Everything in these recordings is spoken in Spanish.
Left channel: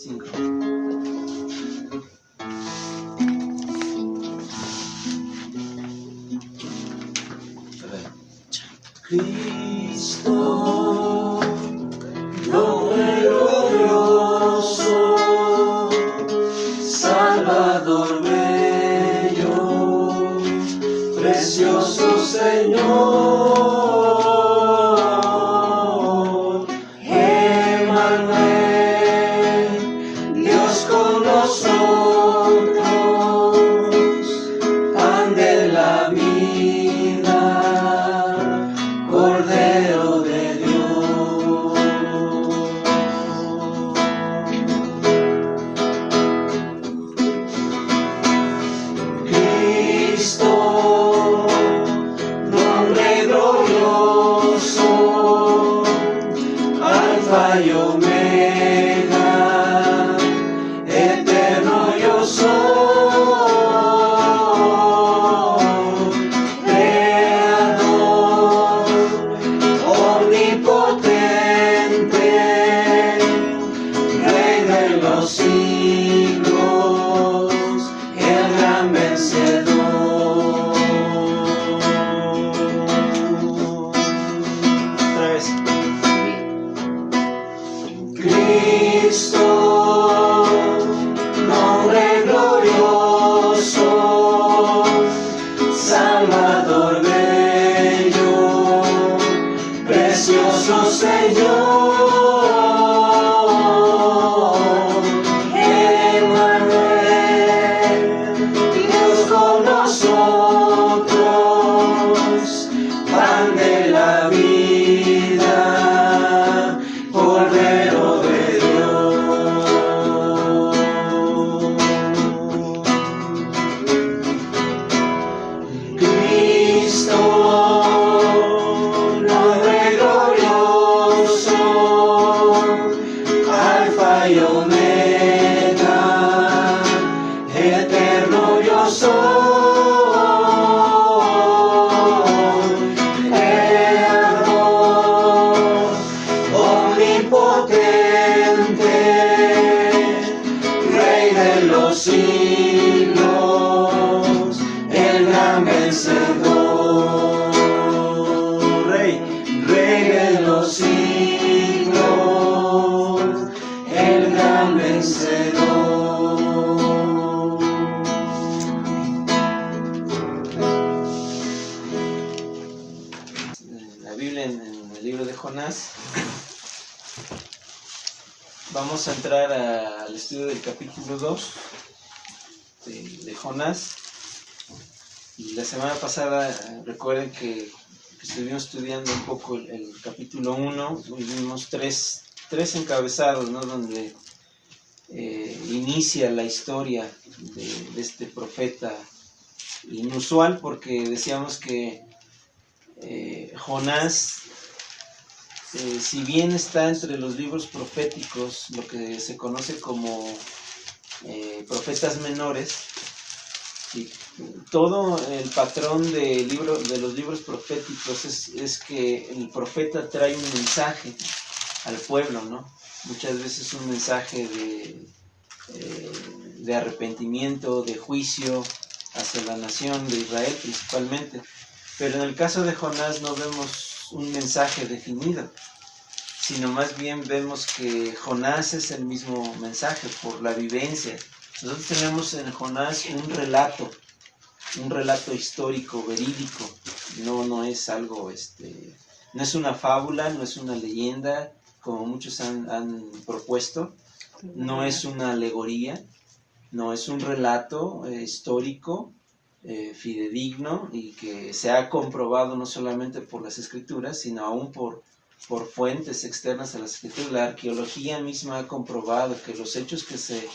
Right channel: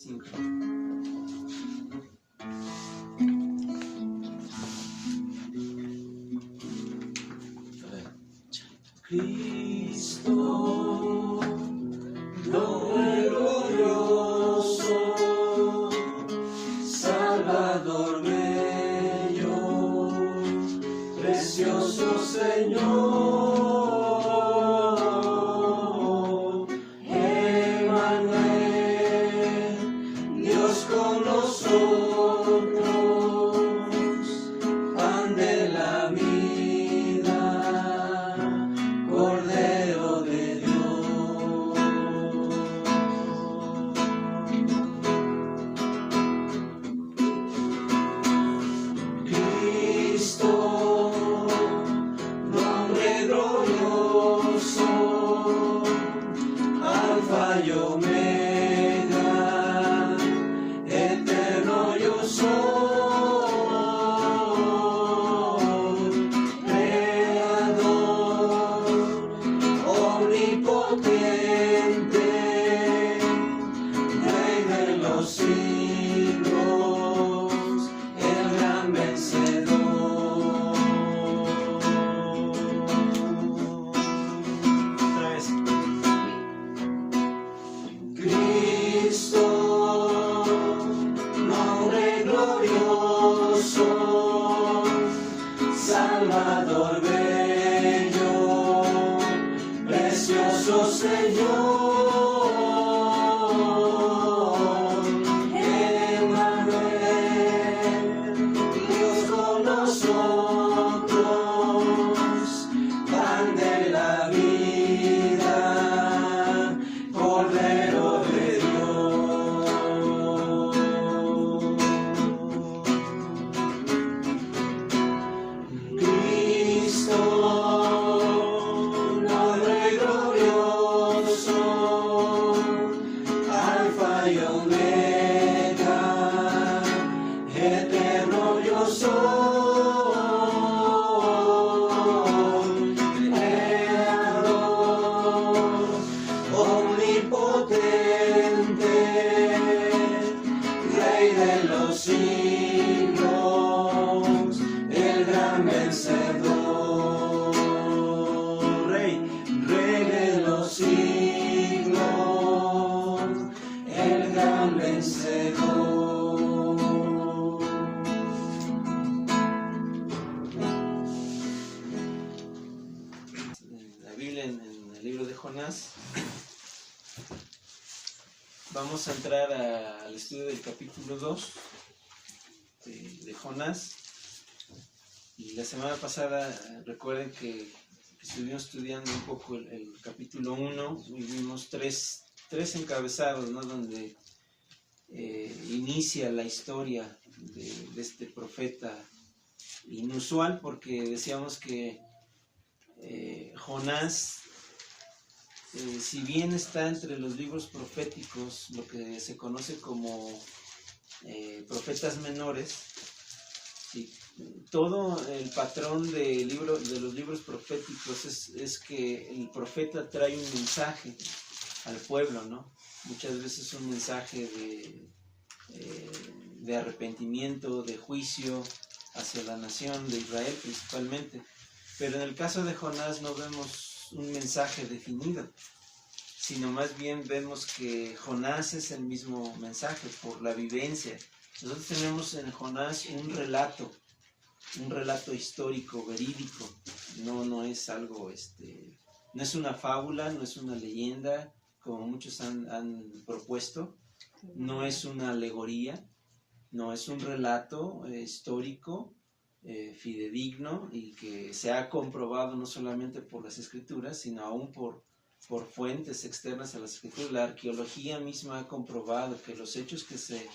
5. Cristo, nombre glorioso, Salvador bello, precioso Señor, Emmanuel, Dios con nosotros, pan de la vida, Cordero de Dios. Cristo, nombre glorioso, Alfa y Omega, eterno yo soy, Creador, omnipotente, Rey de los siglos, el gran vencedor. Otra vez. Cristo, nombre glorioso, Salvador bello, precioso Señor, Emmanuel, Dios con nosotros, pan de la vida, Cordero de Dios. Cristo, nombre glorioso, Alfa y Omega, eterno yo soy, Creador, omnipotente, Rey de los siglos, el gran vencedor. Rey de los siglos, el gran vencedor. La Biblia en el libro de Jonás. Vamos a entrar al estudio del capítulo 2 de Jonás. Y la semana pasada, recuerden que estuvimos estudiando un poco el capítulo 1 y vimos tres encabezados, ¿no? Donde inicia la historia de este profeta inusual, porque decíamos que Jonás, si bien está entre los libros proféticos, lo que se conoce como profetas menores, y todo el patrón de los libros proféticos es que el profeta trae un mensaje al pueblo, ¿no? Muchas veces un mensaje de arrepentimiento, de juicio hacia la nación de Israel principalmente. Pero en el caso de Jonás no vemos un mensaje definido, sino más bien vemos que Jonás es el mismo mensaje por la vivencia. Nosotros tenemos en Jonás un relato histórico, verídico. No es algo, no es una fábula, no es una leyenda, como muchos han propuesto, no es una alegoría, no es un relato histórico, fidedigno, y que se ha comprobado no solamente por las escrituras, sino aún por fuentes externas a las escrituras. La arqueología misma ha comprobado que los hechos que se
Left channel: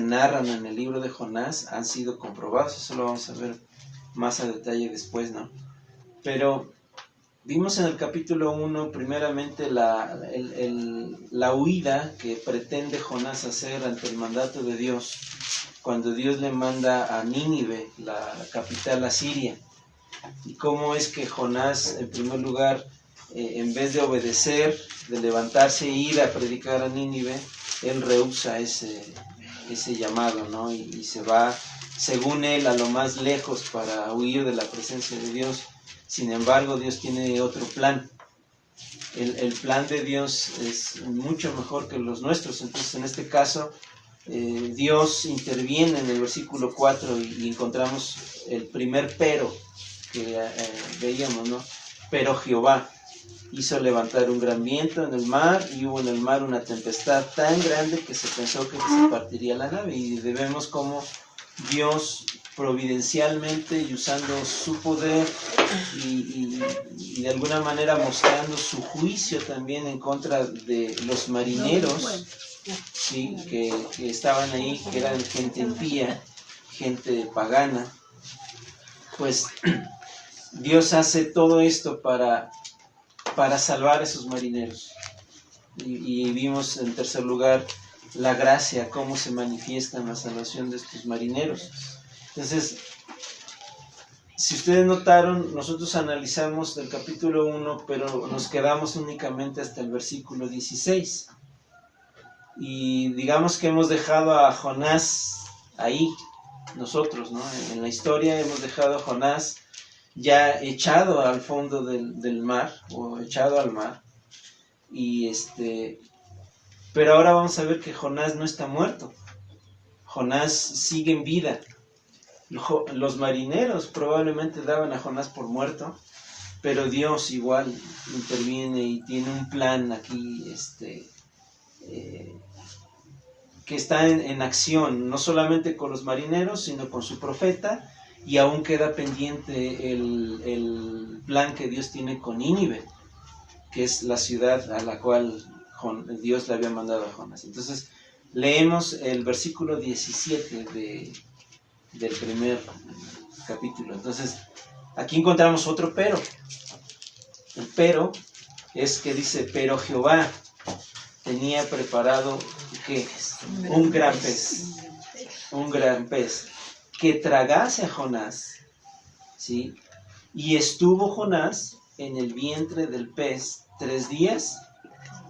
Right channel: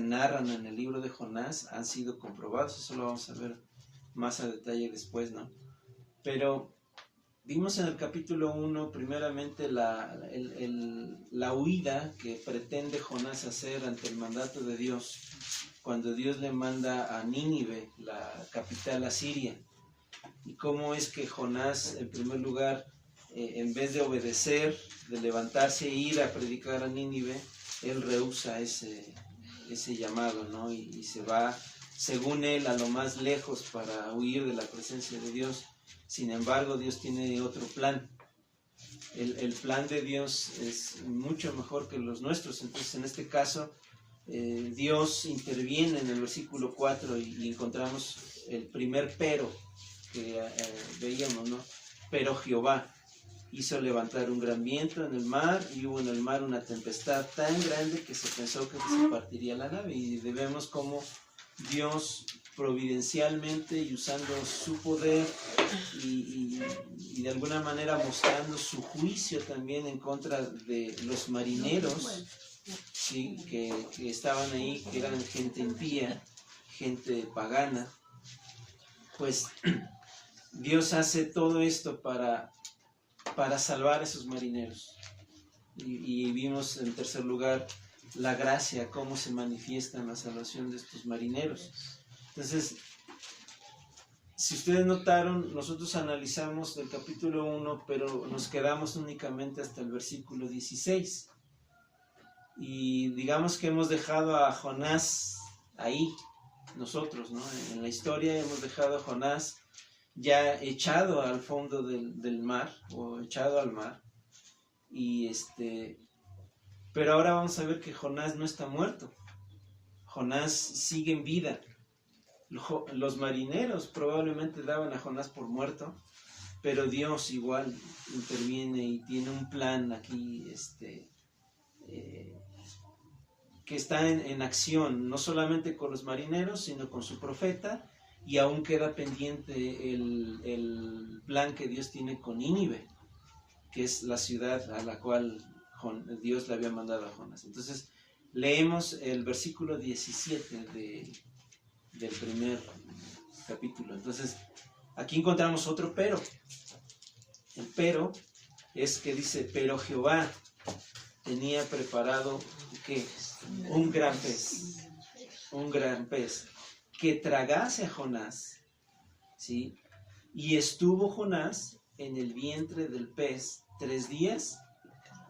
narran en el libro de Jonás han sido comprobados. Eso lo vamos a ver más a detalle después, ¿no? Pero vimos en el capítulo 1 primeramente la huida que pretende Jonás hacer ante el mandato de Dios, cuando Dios le manda a Nínive, la capital asiria, y cómo es que Jonás, en primer lugar, en vez de obedecer, de levantarse e ir a predicar a Nínive, él rehúsa ese llamado, ¿no? Y se va, según él, a lo más lejos para huir de la presencia de Dios. Sin embargo, Dios tiene otro plan. El plan de Dios es mucho mejor que los nuestros. Entonces, en este caso, Dios interviene en el versículo 4 y encontramos el primer pero que veíamos, ¿no? Pero Jehová hizo levantar un gran viento en el mar, y hubo en el mar una tempestad tan grande que se pensó que se partiría la nave. Y vemos cómo Dios providencialmente y usando su poder y de alguna manera mostrando su juicio también en contra de los marineros, ¿sí? que estaban ahí, que eran gente impía, gente pagana, pues Dios hace todo esto para salvar a esos marineros. Y vimos en tercer lugar la gracia, cómo se manifiesta en la salvación de estos marineros. Entonces, si ustedes notaron, nosotros analizamos del capítulo 1, pero nos quedamos únicamente hasta el versículo 16. Y digamos que hemos dejado a Jonás ahí, nosotros, ¿no? En la historia hemos dejado a Jonás ya echado al fondo del mar, o echado al mar. Pero ahora vamos a ver que Jonás no está muerto. Jonás sigue en vida. Los marineros probablemente daban a Jonás por muerto, pero Dios igual interviene y tiene un plan aquí que está en acción, no solamente con los marineros, sino con su profeta, y aún queda pendiente el plan que Dios tiene con Nínive, que es la ciudad a la cual Dios le había mandado a Jonás. Entonces, leemos el versículo 17 del primer capítulo. Entonces, aquí encontramos otro pero. El pero es que dice, pero Jehová tenía preparado, ¿qué? Un gran pez, que tragase a Jonás, ¿sí? Y estuvo Jonás en el vientre del pez 3 días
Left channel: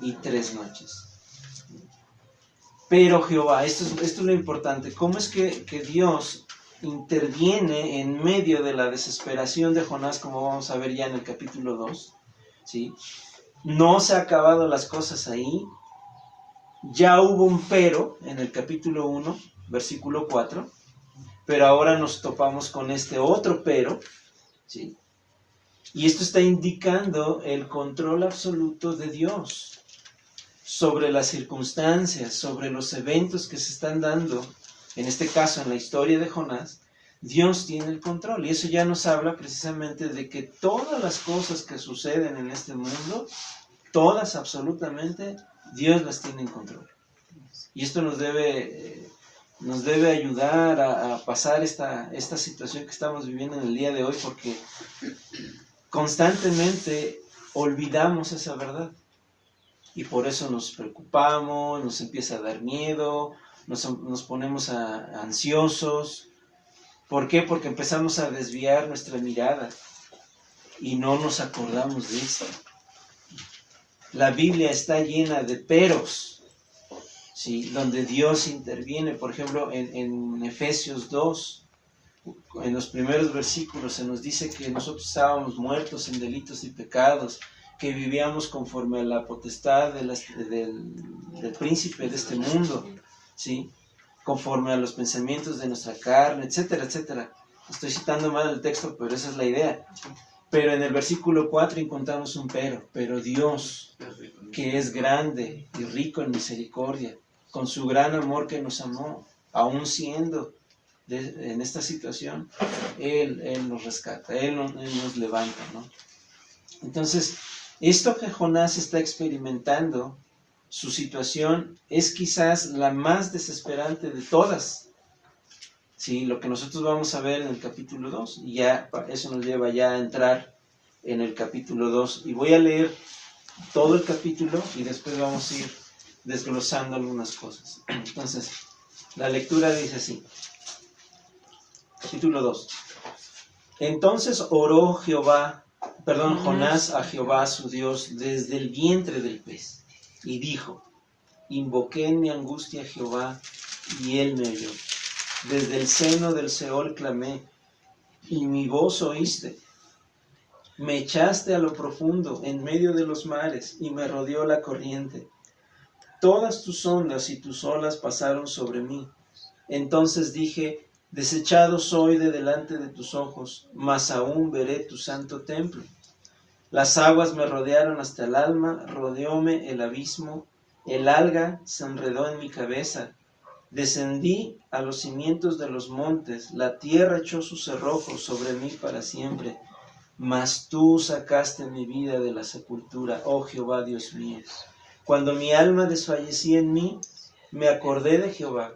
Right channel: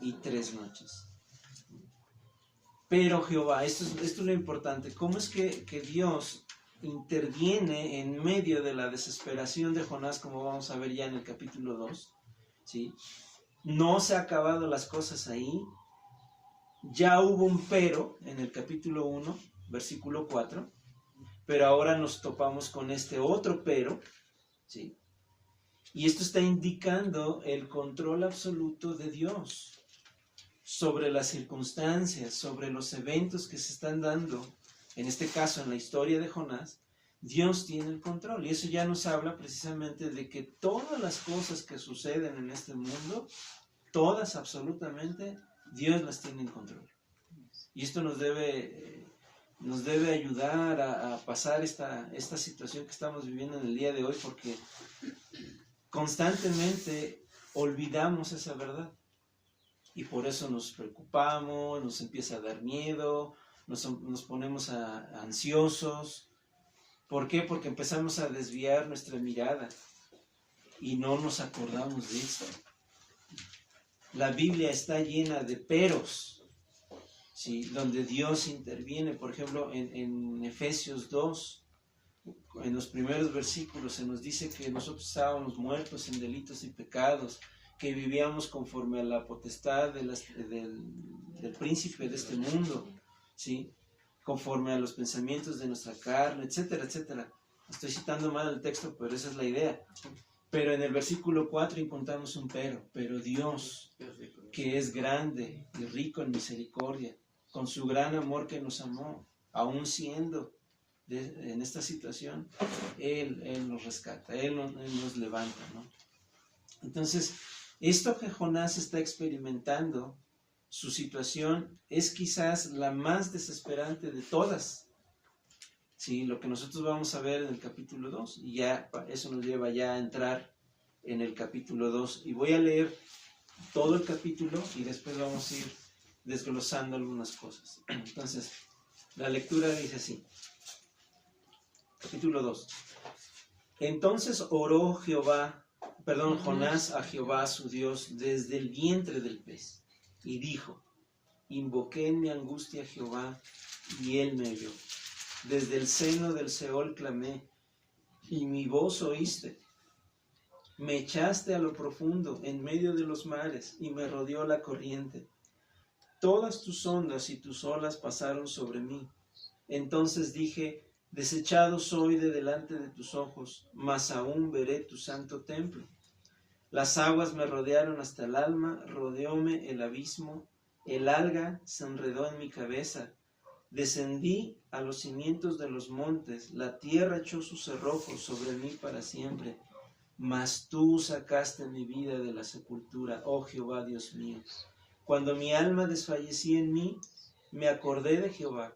y 3 noches. Pero Jehová, esto es lo importante, ¿cómo es que Dios interviene en medio de la desesperación de Jonás, como vamos a ver ya en el capítulo 2, ¿sí? No se han acabado las cosas ahí, ya hubo un pero en el capítulo 1, versículo 4, pero ahora nos topamos con este otro pero, ¿sí? Y esto está indicando el control absoluto de Dios sobre las circunstancias, sobre los eventos que se están dando. En este caso, en la historia de Jonás, Dios tiene el control. Y eso ya nos habla precisamente de que todas las cosas que suceden en este mundo, todas absolutamente, Dios las tiene en control. Y esto nos debe ayudar a pasar esta situación que estamos viviendo en el día de hoy, porque constantemente olvidamos esa verdad. Y por eso nos preocupamos, nos empieza a dar miedo, nos ponemos ansiosos. ¿Por qué? Porque empezamos a desviar nuestra mirada y no nos acordamos de eso. La Biblia está llena de peros, ¿sí? Donde Dios interviene. Por ejemplo, en Efesios 2, en los primeros versículos se nos dice que nosotros estábamos muertos en delitos y pecados, que vivíamos conforme a la potestad del príncipe de este mundo, ¿sí? Conforme a los pensamientos de nuestra carne, etcétera, etcétera. Estoy citando mal el texto, pero esa es la idea. Pero en el versículo 4 encontramos un pero Dios, que es grande y rico en misericordia, con su gran amor que nos amó, aún siendo en esta situación, Él nos rescata, Él nos levanta, ¿no? Entonces, esto que Jonás está experimentando, su situación es quizás la más desesperante de todas, ¿sí? Lo que nosotros vamos a ver en el capítulo 2, y ya eso nos lleva ya a entrar en el capítulo 2. Y voy a leer todo el capítulo y después vamos a ir desglosando algunas cosas. Entonces, la lectura dice así. Capítulo 2. Entonces oró Jonás a Jehová su Dios desde el vientre del pez, y dijo, Invoqué en mi angustia a Jehová, y él me oyó. Desde el seno del Seol clamé, y mi voz oíste. Me echaste a lo profundo, en medio de los mares, y me rodeó la corriente. Todas tus ondas y tus olas pasaron sobre mí. Entonces dije, desechado soy de delante de tus ojos, mas aún veré tu santo templo. Las aguas me rodearon hasta el alma, rodeóme el abismo, el alga se enredó en mi cabeza. Descendí a los cimientos de los montes, la tierra echó sus cerrojos sobre mí para siempre. Mas tú sacaste mi vida de la sepultura, oh Jehová Dios mío. Cuando mi alma desfallecía en mí, me acordé de Jehová,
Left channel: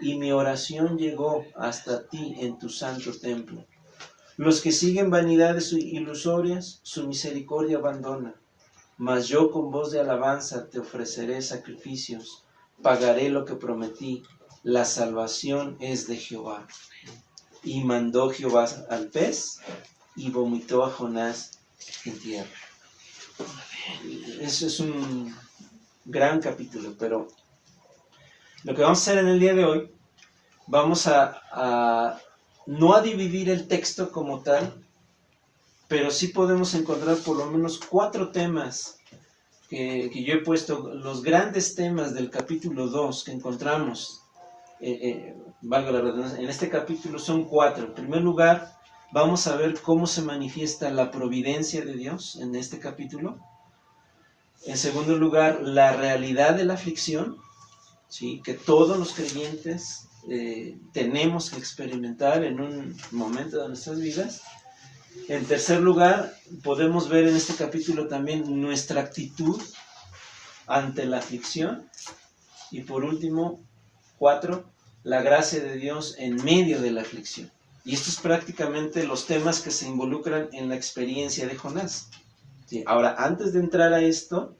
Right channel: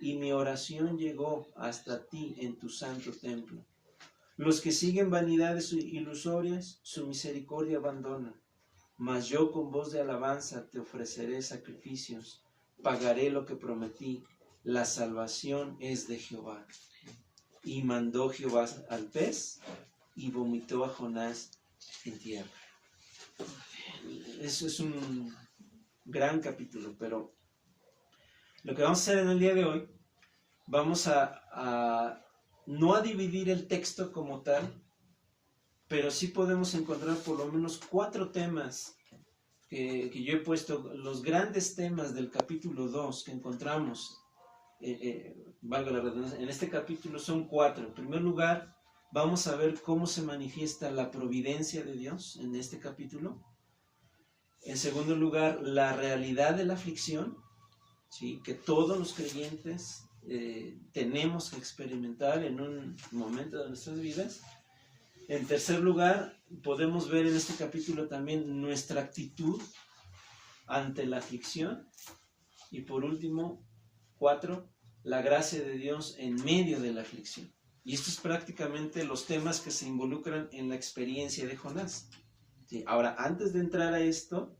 y mi oración llegó hasta ti en tu santo templo. Los que siguen vanidades ilusorias, su misericordia abandona. Mas yo con voz de alabanza te ofreceré sacrificios, pagaré lo que prometí, la salvación es de Jehová. Y mandó Jehová al pez, y vomitó a Jonás en tierra. Eso es un gran capítulo, pero lo que vamos a hacer en el día de hoy, vamos no a dividir el texto como tal, pero sí podemos encontrar por lo menos 4 temas que yo he puesto, los grandes temas del capítulo 2 que encontramos, valga la redundancia, en este capítulo son 4. En primer lugar, vamos a ver cómo se manifiesta la providencia de Dios en este capítulo. En segundo lugar, la realidad de la aflicción, ¿sí?, que todos los creyentes tenemos que experimentar en un momento de nuestras vidas. En tercer lugar, podemos ver en este capítulo también nuestra actitud ante la aflicción. Y por último, 4, la gracia de Dios en medio de la aflicción. Y estos es prácticamente los temas que se involucran en la experiencia de Jonás. Sí, ahora, antes de entrar a esto,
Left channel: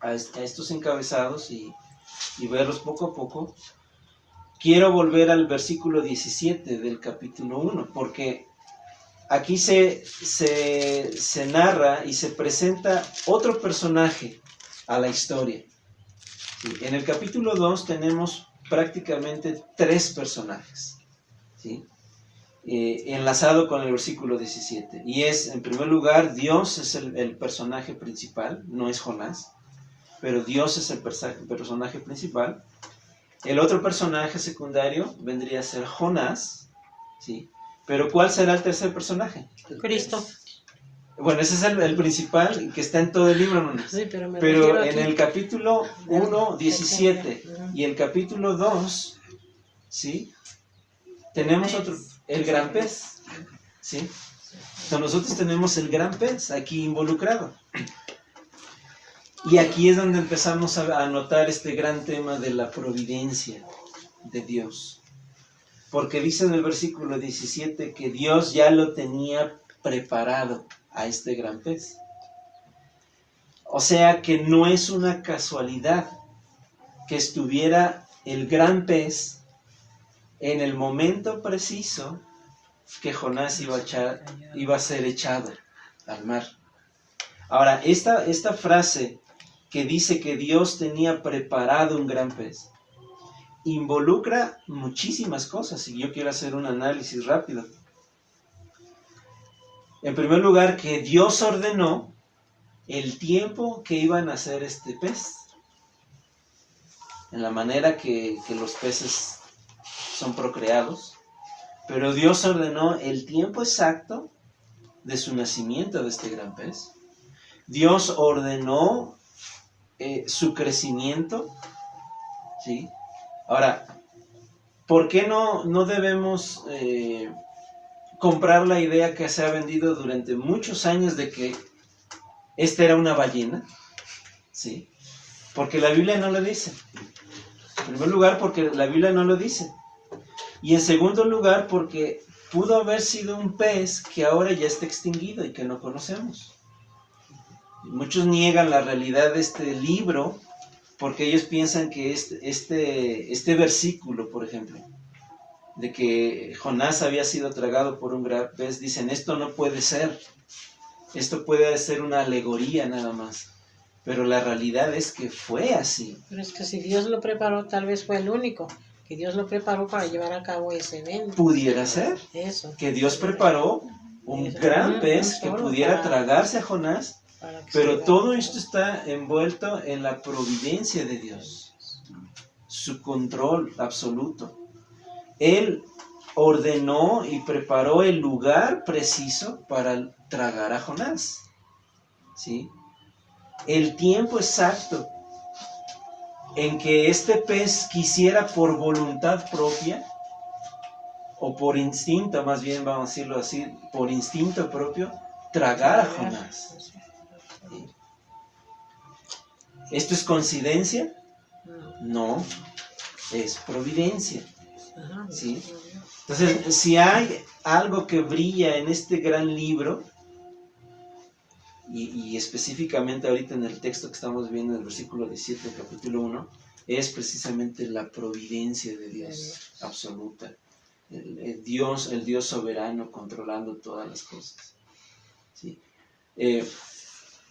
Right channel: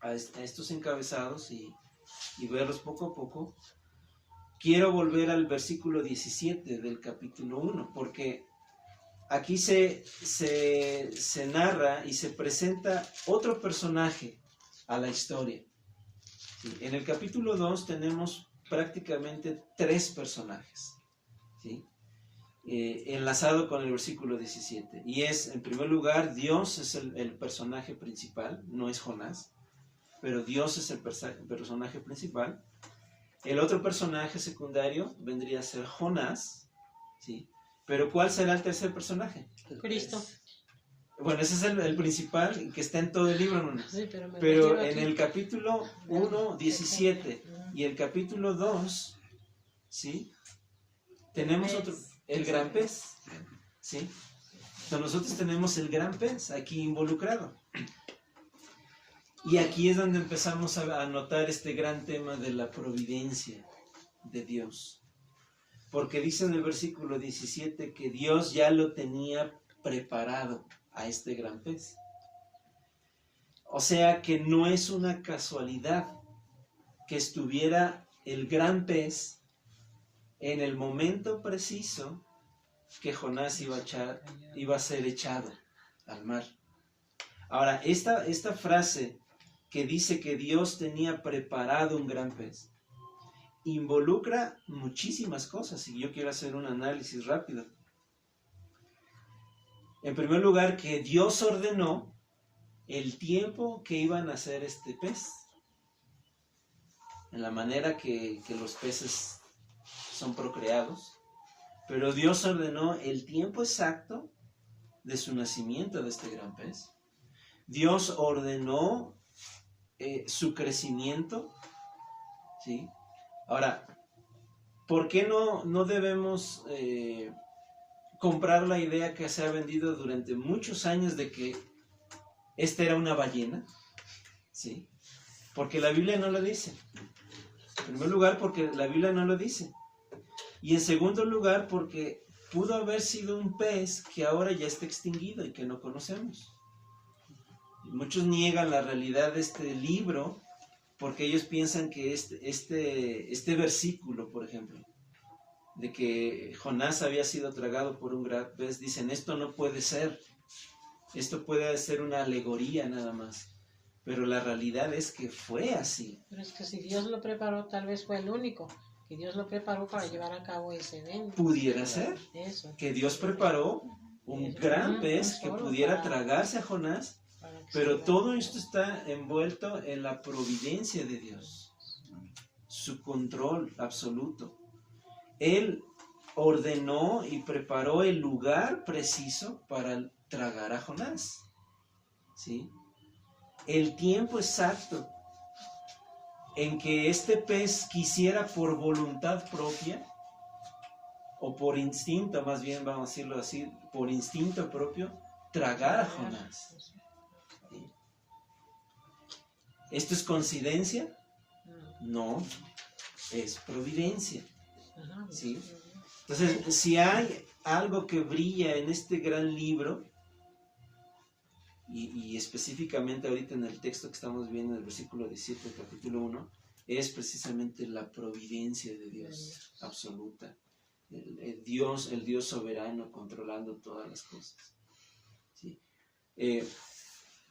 a estos encabezados y verlos poco a poco, quiero volver al versículo 17 del capítulo 1, porque aquí se narra y se presenta otro personaje a la historia. Sí, en el capítulo 2 tenemos prácticamente 3 personajes, ¿sí?, enlazado con el versículo 17. Y es, en primer lugar, Dios es el personaje principal, no es Jonás, pero Dios es el personaje principal. El otro personaje secundario vendría a ser Jonás, ¿sí? Pero ¿cuál será el tercer personaje? Cristo. Bueno, ese es el principal que está en todo el libro, ¿no? Sí, pero en el capítulo 1, 17 y el capítulo 2, ¿sí?, tenemos otro, el gran pez, ¿sí? Entonces nosotros tenemos el gran pez aquí involucrado. Y aquí es donde empezamos a notar este gran tema de la providencia de Dios. Porque dice en el versículo 17 que Dios ya lo tenía preparado a este gran pez. O sea que no es una casualidad que estuviera el gran pez en el momento preciso que Jonás iba a ser echado al mar. Ahora, esta frase que dice que Dios tenía preparado un gran pez, involucra muchísimas cosas, y yo quiero hacer un análisis rápido. En primer lugar, que Dios ordenó el tiempo que iban a hacer este pez, en la manera que los peces son procreados, pero Dios ordenó el tiempo exacto de su nacimiento de este gran pez. Dios ordenó su crecimiento, ¿sí? Ahora, ¿por qué no debemos comprar la idea que se ha vendido durante muchos años de que esta era una ballena? ¿Sí? Porque la Biblia no lo dice. En primer lugar, porque la Biblia no lo dice. Y en segundo lugar, porque pudo haber sido un pez que ahora ya está extinguido y que no conocemos. Muchos niegan la realidad de este libro porque ellos piensan que este versículo, por ejemplo, de que Jonás había sido tragado por un gran pez, dicen, esto no puede ser. Esto puede ser una alegoría nada más. pero la realidad es que fue así. Pero es que si Dios lo preparó, tal vez fue el único, que Dios lo preparó para llevar a cabo ese evento. Pudiera ser Eso. que Dios preparó un gran pez que pudiera tragarse a Jonás, pero todo esto está envuelto en la providencia de Dios, su control absoluto. Él ordenó y preparó el lugar preciso para tragar a Jonás, ¿sí? El tiempo exacto en que este pez quisiera por voluntad propia, o por instinto, más bien vamos a decirlo así, por instinto propio, tragar a Jonás. ¿Sí? ¿Esto es coincidencia? No, es providencia. ¿Sí? Entonces, si hay algo que brilla en este gran libro, y específicamente ahorita en el texto que estamos viendo, en el versículo 17 del capítulo 1, es precisamente la providencia de Dios absoluta. El Dios soberano controlando todas las cosas. ¿Sí?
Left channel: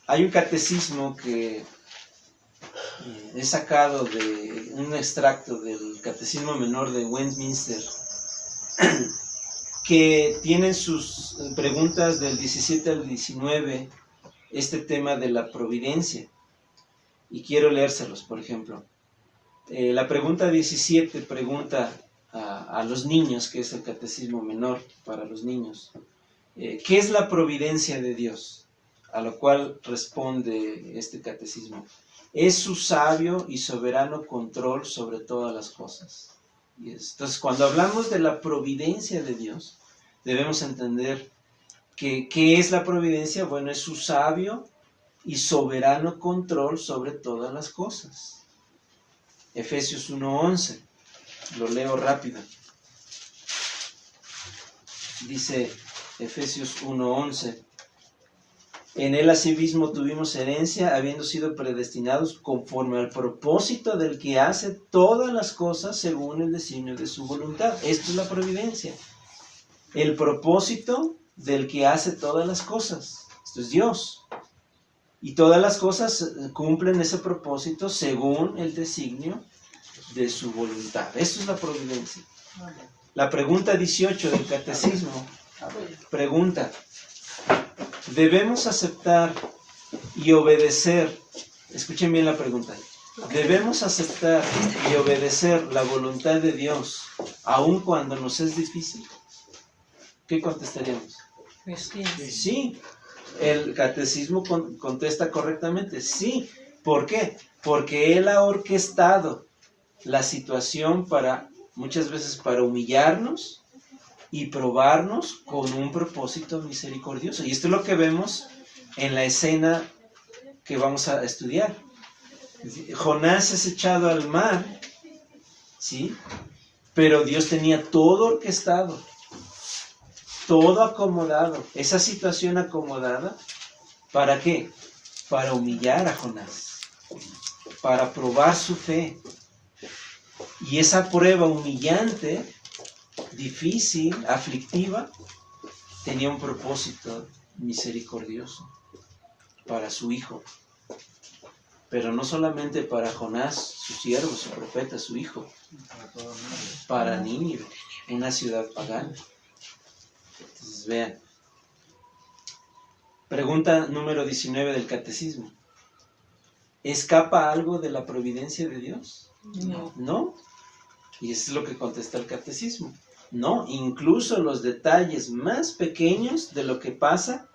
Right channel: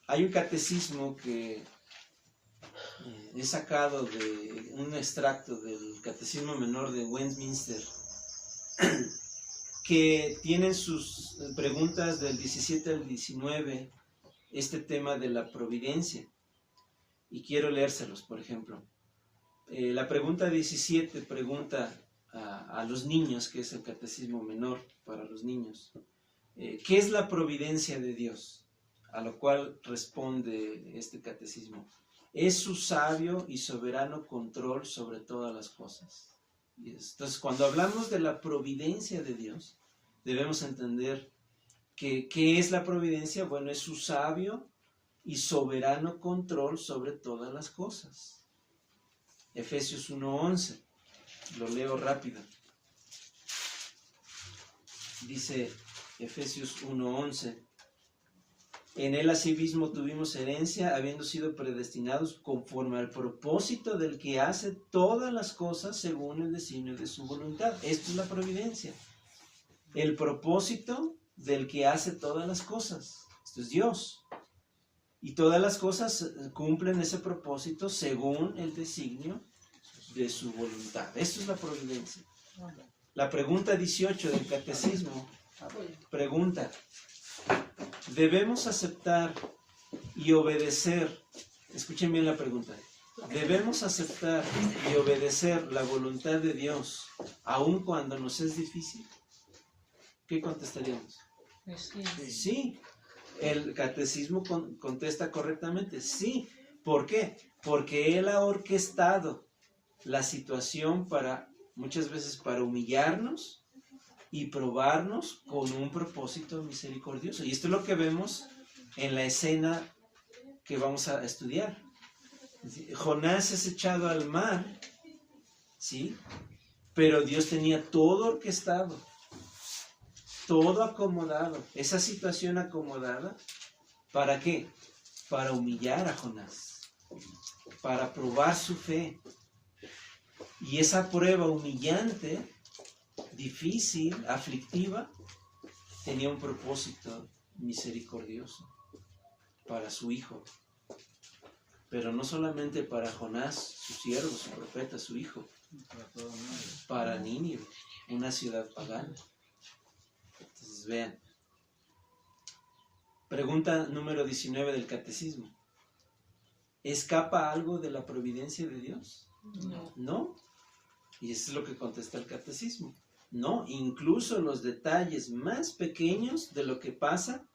Hay un catecismo que he sacado de un extracto del Catecismo Menor de Westminster, que tienen sus preguntas del 17 al 19 este tema de la providencia, y quiero leérselos. Por ejemplo, la pregunta 17 pregunta a los niños, que es el Catecismo Menor para los niños, ¿qué es la providencia de Dios? A lo cual responde este catecismo: es su sabio y soberano control sobre todas las cosas. Entonces, cuando hablamos de la providencia de Dios, debemos entender que ¿qué es la providencia? Bueno, es su sabio y soberano control sobre todas las cosas. Efesios 1:11, lo leo rápido. Dice Efesios 1:11: en él asimismo tuvimos herencia, habiendo sido predestinados conforme al propósito del que hace todas las cosas según el designio de su voluntad. Esto es la providencia. El propósito del que hace todas las cosas. Esto es Dios. Y todas las cosas cumplen ese propósito según el designio de su voluntad. Esto es la providencia. La pregunta 18 del catecismo pregunta: ¿debemos aceptar y obedecer? Escuchen bien la pregunta. ¿Debemos aceptar y obedecer la voluntad de Dios aun cuando nos es difícil? ¿Qué contestaríamos? Pues sí. Sí. El catecismo contesta correctamente: sí. ¿Por qué? Porque Él ha orquestado la situación muchas veces para humillarnos y probarnos con un propósito misericordioso. Y esto es lo que vemos en la escena que vamos a estudiar. Jonás es echado al mar, ¿sí? Pero Dios tenía todo orquestado, todo acomodado. Esa situación acomodada, ¿para qué? Para humillar a Jonás, para probar su fe. Y esa prueba humillante, difícil, aflictiva, tenía un propósito misericordioso para su hijo. Pero no solamente para Jonás, su siervo, su profeta, su hijo, para Nínive, una ciudad pagana. Entonces vean. Pregunta número 19 del catecismo: ¿escapa algo de la providencia de Dios? No. ¿No? Y eso es lo que contesta el catecismo. No, incluso los detalles más pequeños de lo que pasa,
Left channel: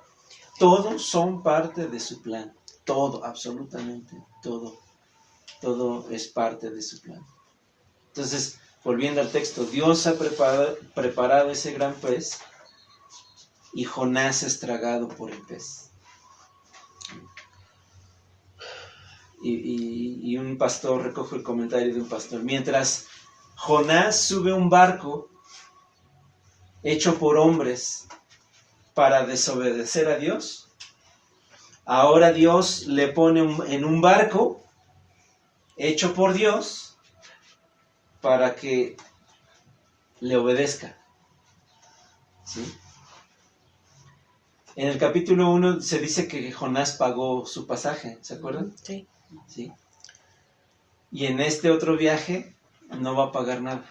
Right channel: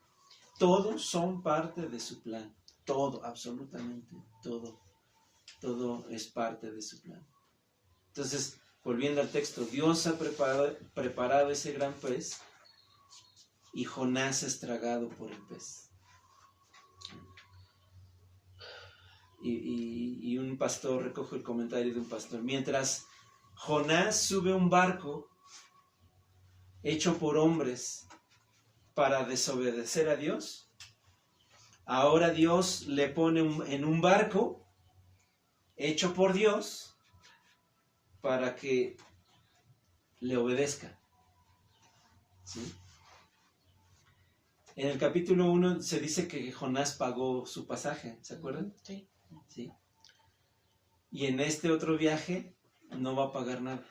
todos son parte de su plan. Todo, absolutamente todo. Todo es parte de su plan. Entonces, volviendo al texto, Dios ha preparado ese gran pez y Jonás es tragado por el pez. Y un pastor, recojo el comentario de un pastor: mientras Jonás sube un barco hecho por hombres para desobedecer a Dios, ahora Dios le pone en un barco hecho por Dios para que le obedezca. ¿Sí? En el capítulo 1 se dice que Jonás pagó su pasaje, ¿se acuerdan? Sí. Sí. Y en este otro viaje no va a pagar nada.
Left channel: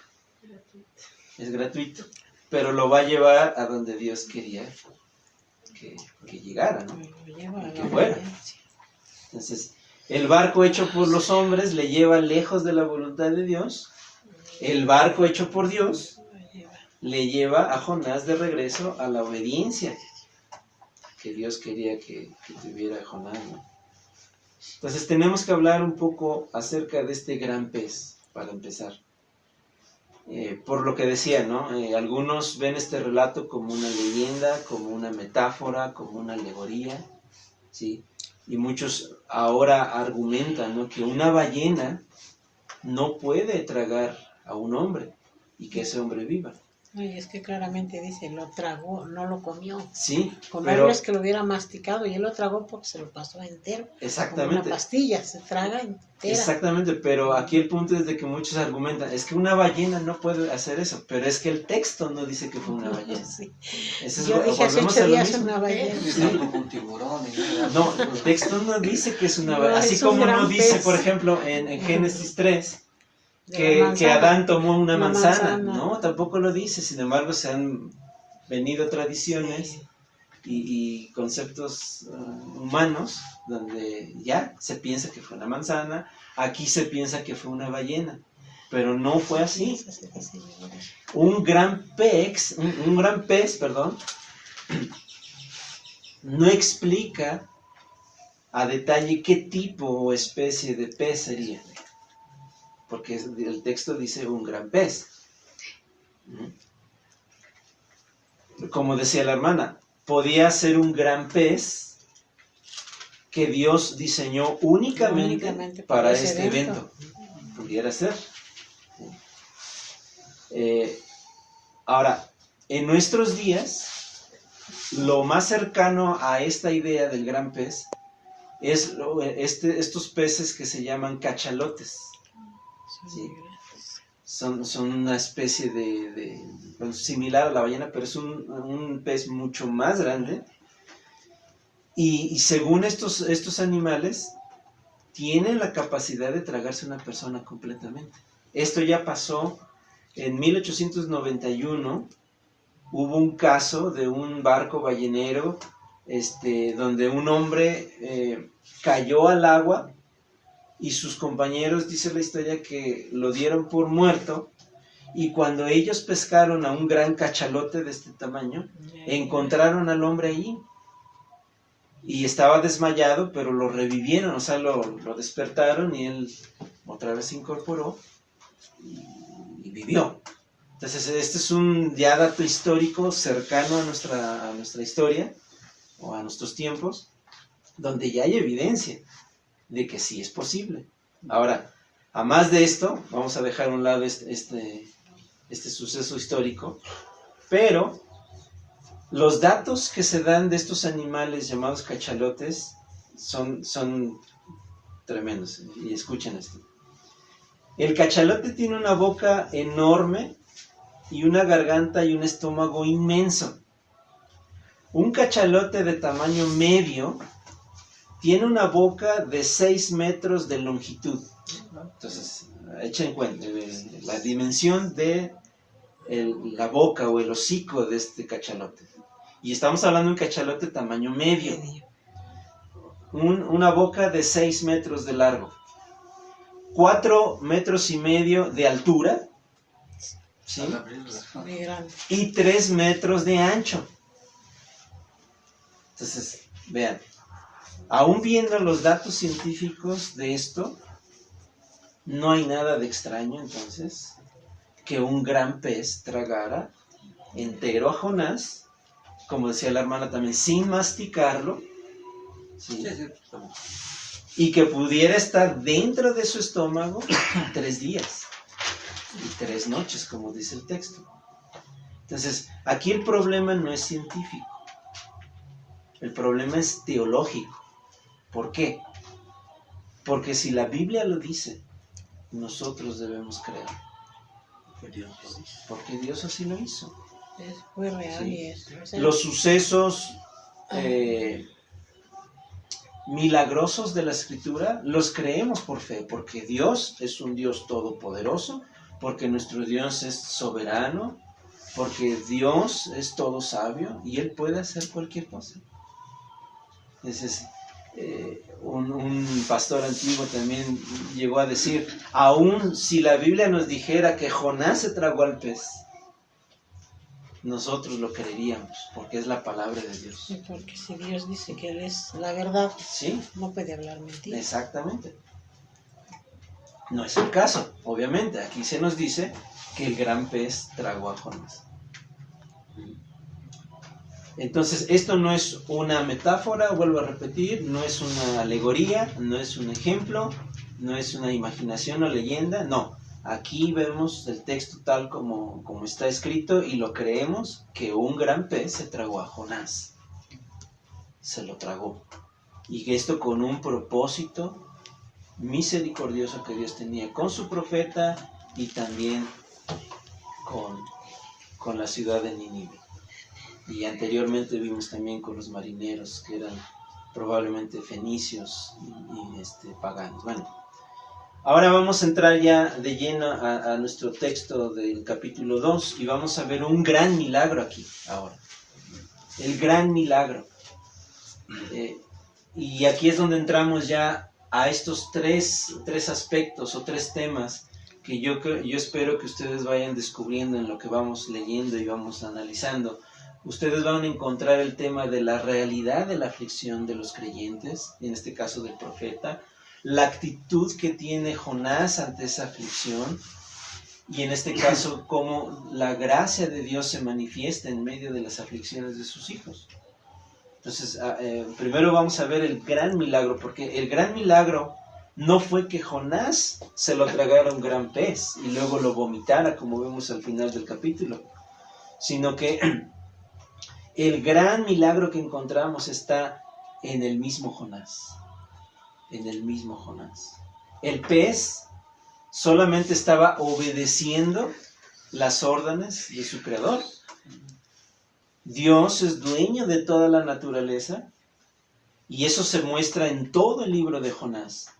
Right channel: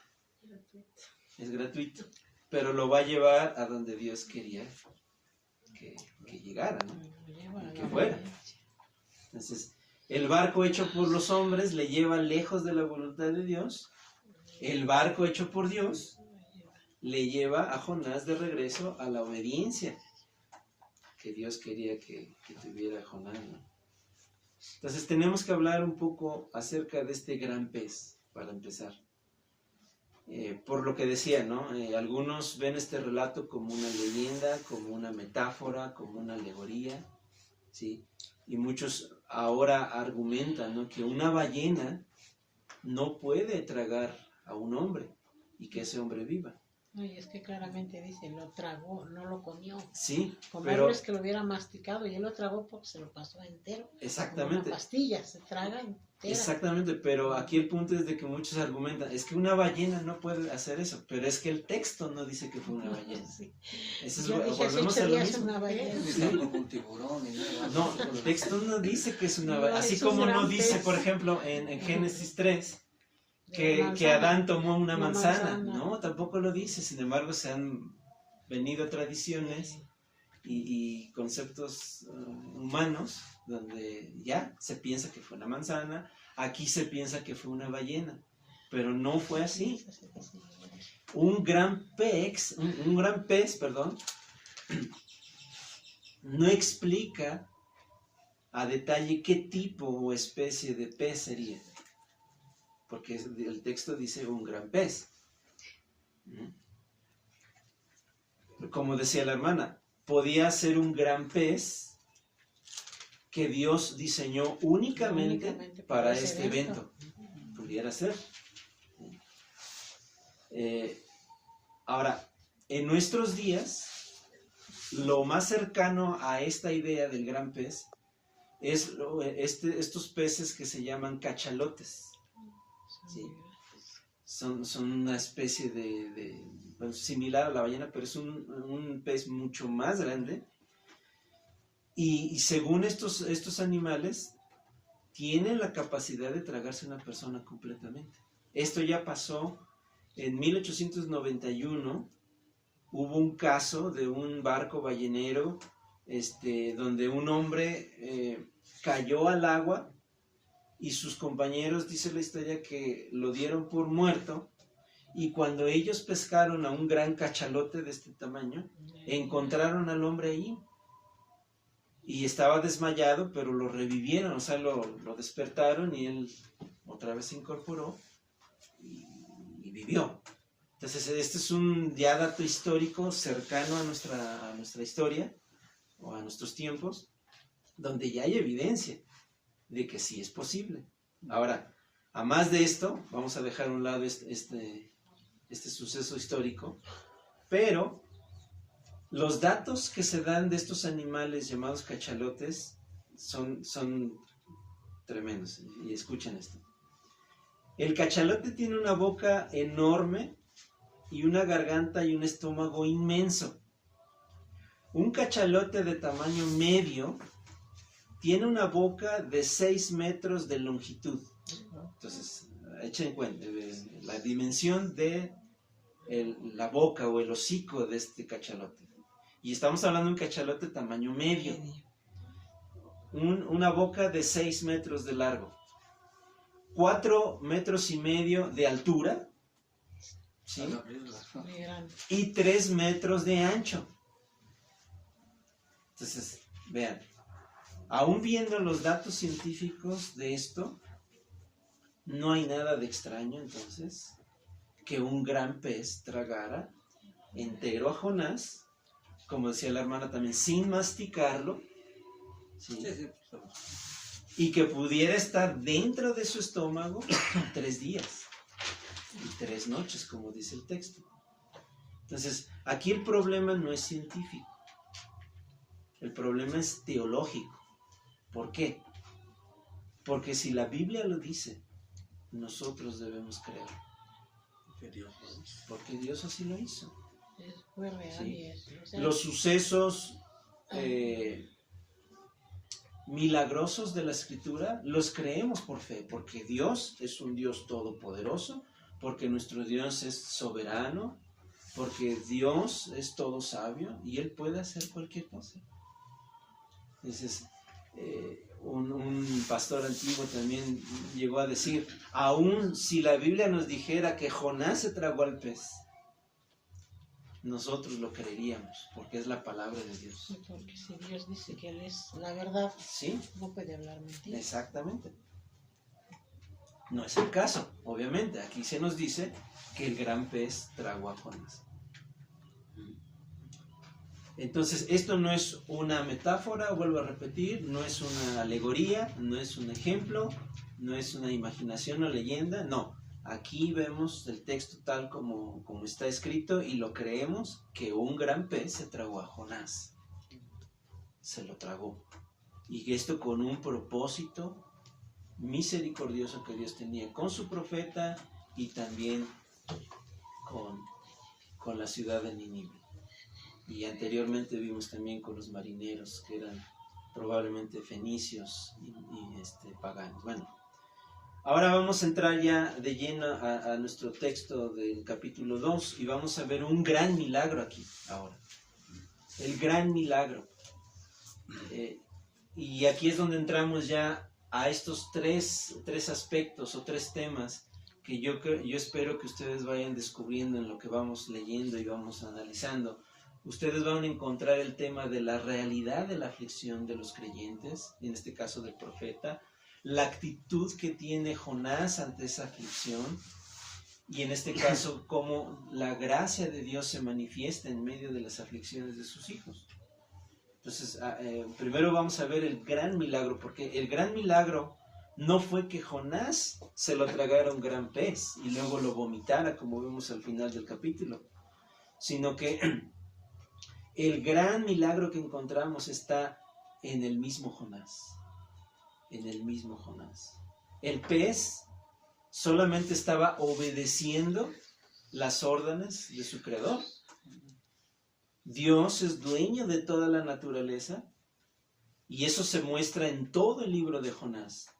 Es gratuito. Pero lo va a llevar a donde Dios quería que llegara, ¿no? Y que fuera. Entonces, el barco hecho por los hombres le lleva lejos de la voluntad de Dios. El barco hecho por Dios le lleva a Jonás de regreso a la obediencia que Dios quería que tuviera Jonás, ¿no? Entonces tenemos que hablar un poco acerca de este gran pez, para empezar. Por lo que decía, ¿no? Algunos ven este relato como una leyenda, como una metáfora, como una alegoría, ¿sí? Y muchos ahora argumentan, ¿no?, que una ballena no puede tragar a un hombre y que ese hombre viva. No, y es que claramente dice, lo tragó, no lo comió. Sí, Comerlo es que lo hubiera masticado y él lo tragó porque se lo pasó entero. Exactamente. Como una pastilla, se traga entera. Exactamente, pero aquí el punto es de que muchos argumentan, es que una ballena no puede hacer eso, pero es que el texto no dice que fue una ballena. Sí. Eso es, Yo dije hace 8 días una ballena. Ni tampoco un tiburón ni nada. No, el texto no dice que es una No, ballena, así es un como no gran dice, pez. por ejemplo, en Génesis 3, De la que manzana. Adán tomó una Una manzana. manzana. No, tampoco lo dice, sin embargo se han venido tradiciones y conceptos humanos donde ya se piensa que fue una manzana, aquí se piensa que fue una ballena, pero no fue así. Un gran pez, perdón, no explica a detalle qué tipo o especie de pez sería, porque el texto dice un gran pez. Como decía la hermana, podía ser un gran pez que Dios diseñó únicamente para este evento. Pudiera ser. Ahora, en nuestros días, lo más cercano a esta idea del gran pez es estos peces que se llaman cachalotes. ¿Sí? Son una especie bueno, similar a la ballena, pero es un pez mucho más grande. Y según estos animales, tienen la capacidad de tragarse a una persona completamente. Esto ya pasó en 1891. Hubo un caso de un barco ballenero donde un hombre cayó al agua y sus compañeros, dice la historia, que lo dieron por muerto, y cuando ellos pescaron a un gran cachalote de este tamaño, encontraron al hombre allí y estaba desmayado, pero lo revivieron, o sea, lo despertaron y él otra vez se incorporó y vivió. Entonces este es un ya dato histórico cercano a nuestra historia o a nuestros tiempos, donde ya hay evidencia de que sí es posible. Ahora, a más de esto, vamos a dejar a un lado este suceso histórico, pero los datos que se dan de estos animales llamados cachalotes son tremendos, y escuchen esto. El cachalote tiene una boca enorme y una garganta y un estómago inmenso. Un cachalote de tamaño medio tiene una boca de 6 metros de longitud. Entonces, echen en cuenta la dimensión de la boca o el hocico de este cachalote. Y estamos hablando de un cachalote tamaño medio. Una boca de 6 metros de largo. 4 metros y medio de altura. ¿Sí? Y 3 metros de ancho. Entonces, vean. Aún viendo los datos científicos de esto, no hay nada de extraño entonces que un gran pez tragara entero a Jonás, como decía la hermana también, sin masticarlo, ¿sí? Y que pudiera estar dentro de su estómago 3 días y 3 noches, como dice el texto. Entonces, aquí el problema no es científico, el problema es teológico. ¿Por qué? Porque si la Biblia lo dice, nosotros debemos creer. Porque Dios así lo hizo. Fue real, ¿sí? y eso. O sea, Los sucesos milagrosos de la Escritura los creemos por fe, porque Dios es un Dios todopoderoso, porque nuestro Dios es soberano, porque Dios es todo sabio y Él puede hacer cualquier cosa. Ese es, un pastor antiguo también llegó a decir, aun si la Biblia nos dijera que Jonás se tragó al pez, nosotros lo creeríamos, porque es la palabra de Dios. Sí, porque si Dios dice que Él es la verdad, Sí, no puede hablar mentira. exactamente. No es el caso, obviamente. Aquí se nos dice que el gran pez tragó a Jonás. Entonces, esto no es una metáfora, vuelvo a repetir, no es una alegoría, no es un ejemplo, no es una imaginación o leyenda, no. Aquí vemos el texto tal como está escrito y lo creemos que un gran pez se tragó a Jonás. Se lo tragó. Y esto con un propósito misericordioso que Dios tenía con su profeta y también con la ciudad de Nínive. Y anteriormente vimos también con los marineros que eran probablemente fenicios y paganos. Bueno, ahora vamos a entrar ya de lleno a nuestro texto del capítulo 2 y vamos a ver un gran milagro aquí ahora. El gran milagro. Y aquí es donde entramos ya a estos tres aspectos o tres temas que yo espero que ustedes vayan descubriendo en lo que vamos leyendo y vamos analizando. Ustedes van a encontrar el tema de la realidad de la aflicción de los creyentes, en este caso del profeta, la actitud que tiene Jonás ante esa aflicción y en este caso cómo la gracia de Dios se manifiesta en medio de las aflicciones de sus hijos. Entonces, primero vamos a ver el gran milagro, porque el gran milagro no fue que Jonás se lo tragara un gran pez y luego lo vomitara, como vemos al final del capítulo, sino que el gran milagro que encontramos está en el mismo Jonás. En el mismo Jonás. El pez solamente estaba obedeciendo las órdenes de su creador. Dios es dueño de toda la naturaleza y eso se muestra en todo el libro de Jonás.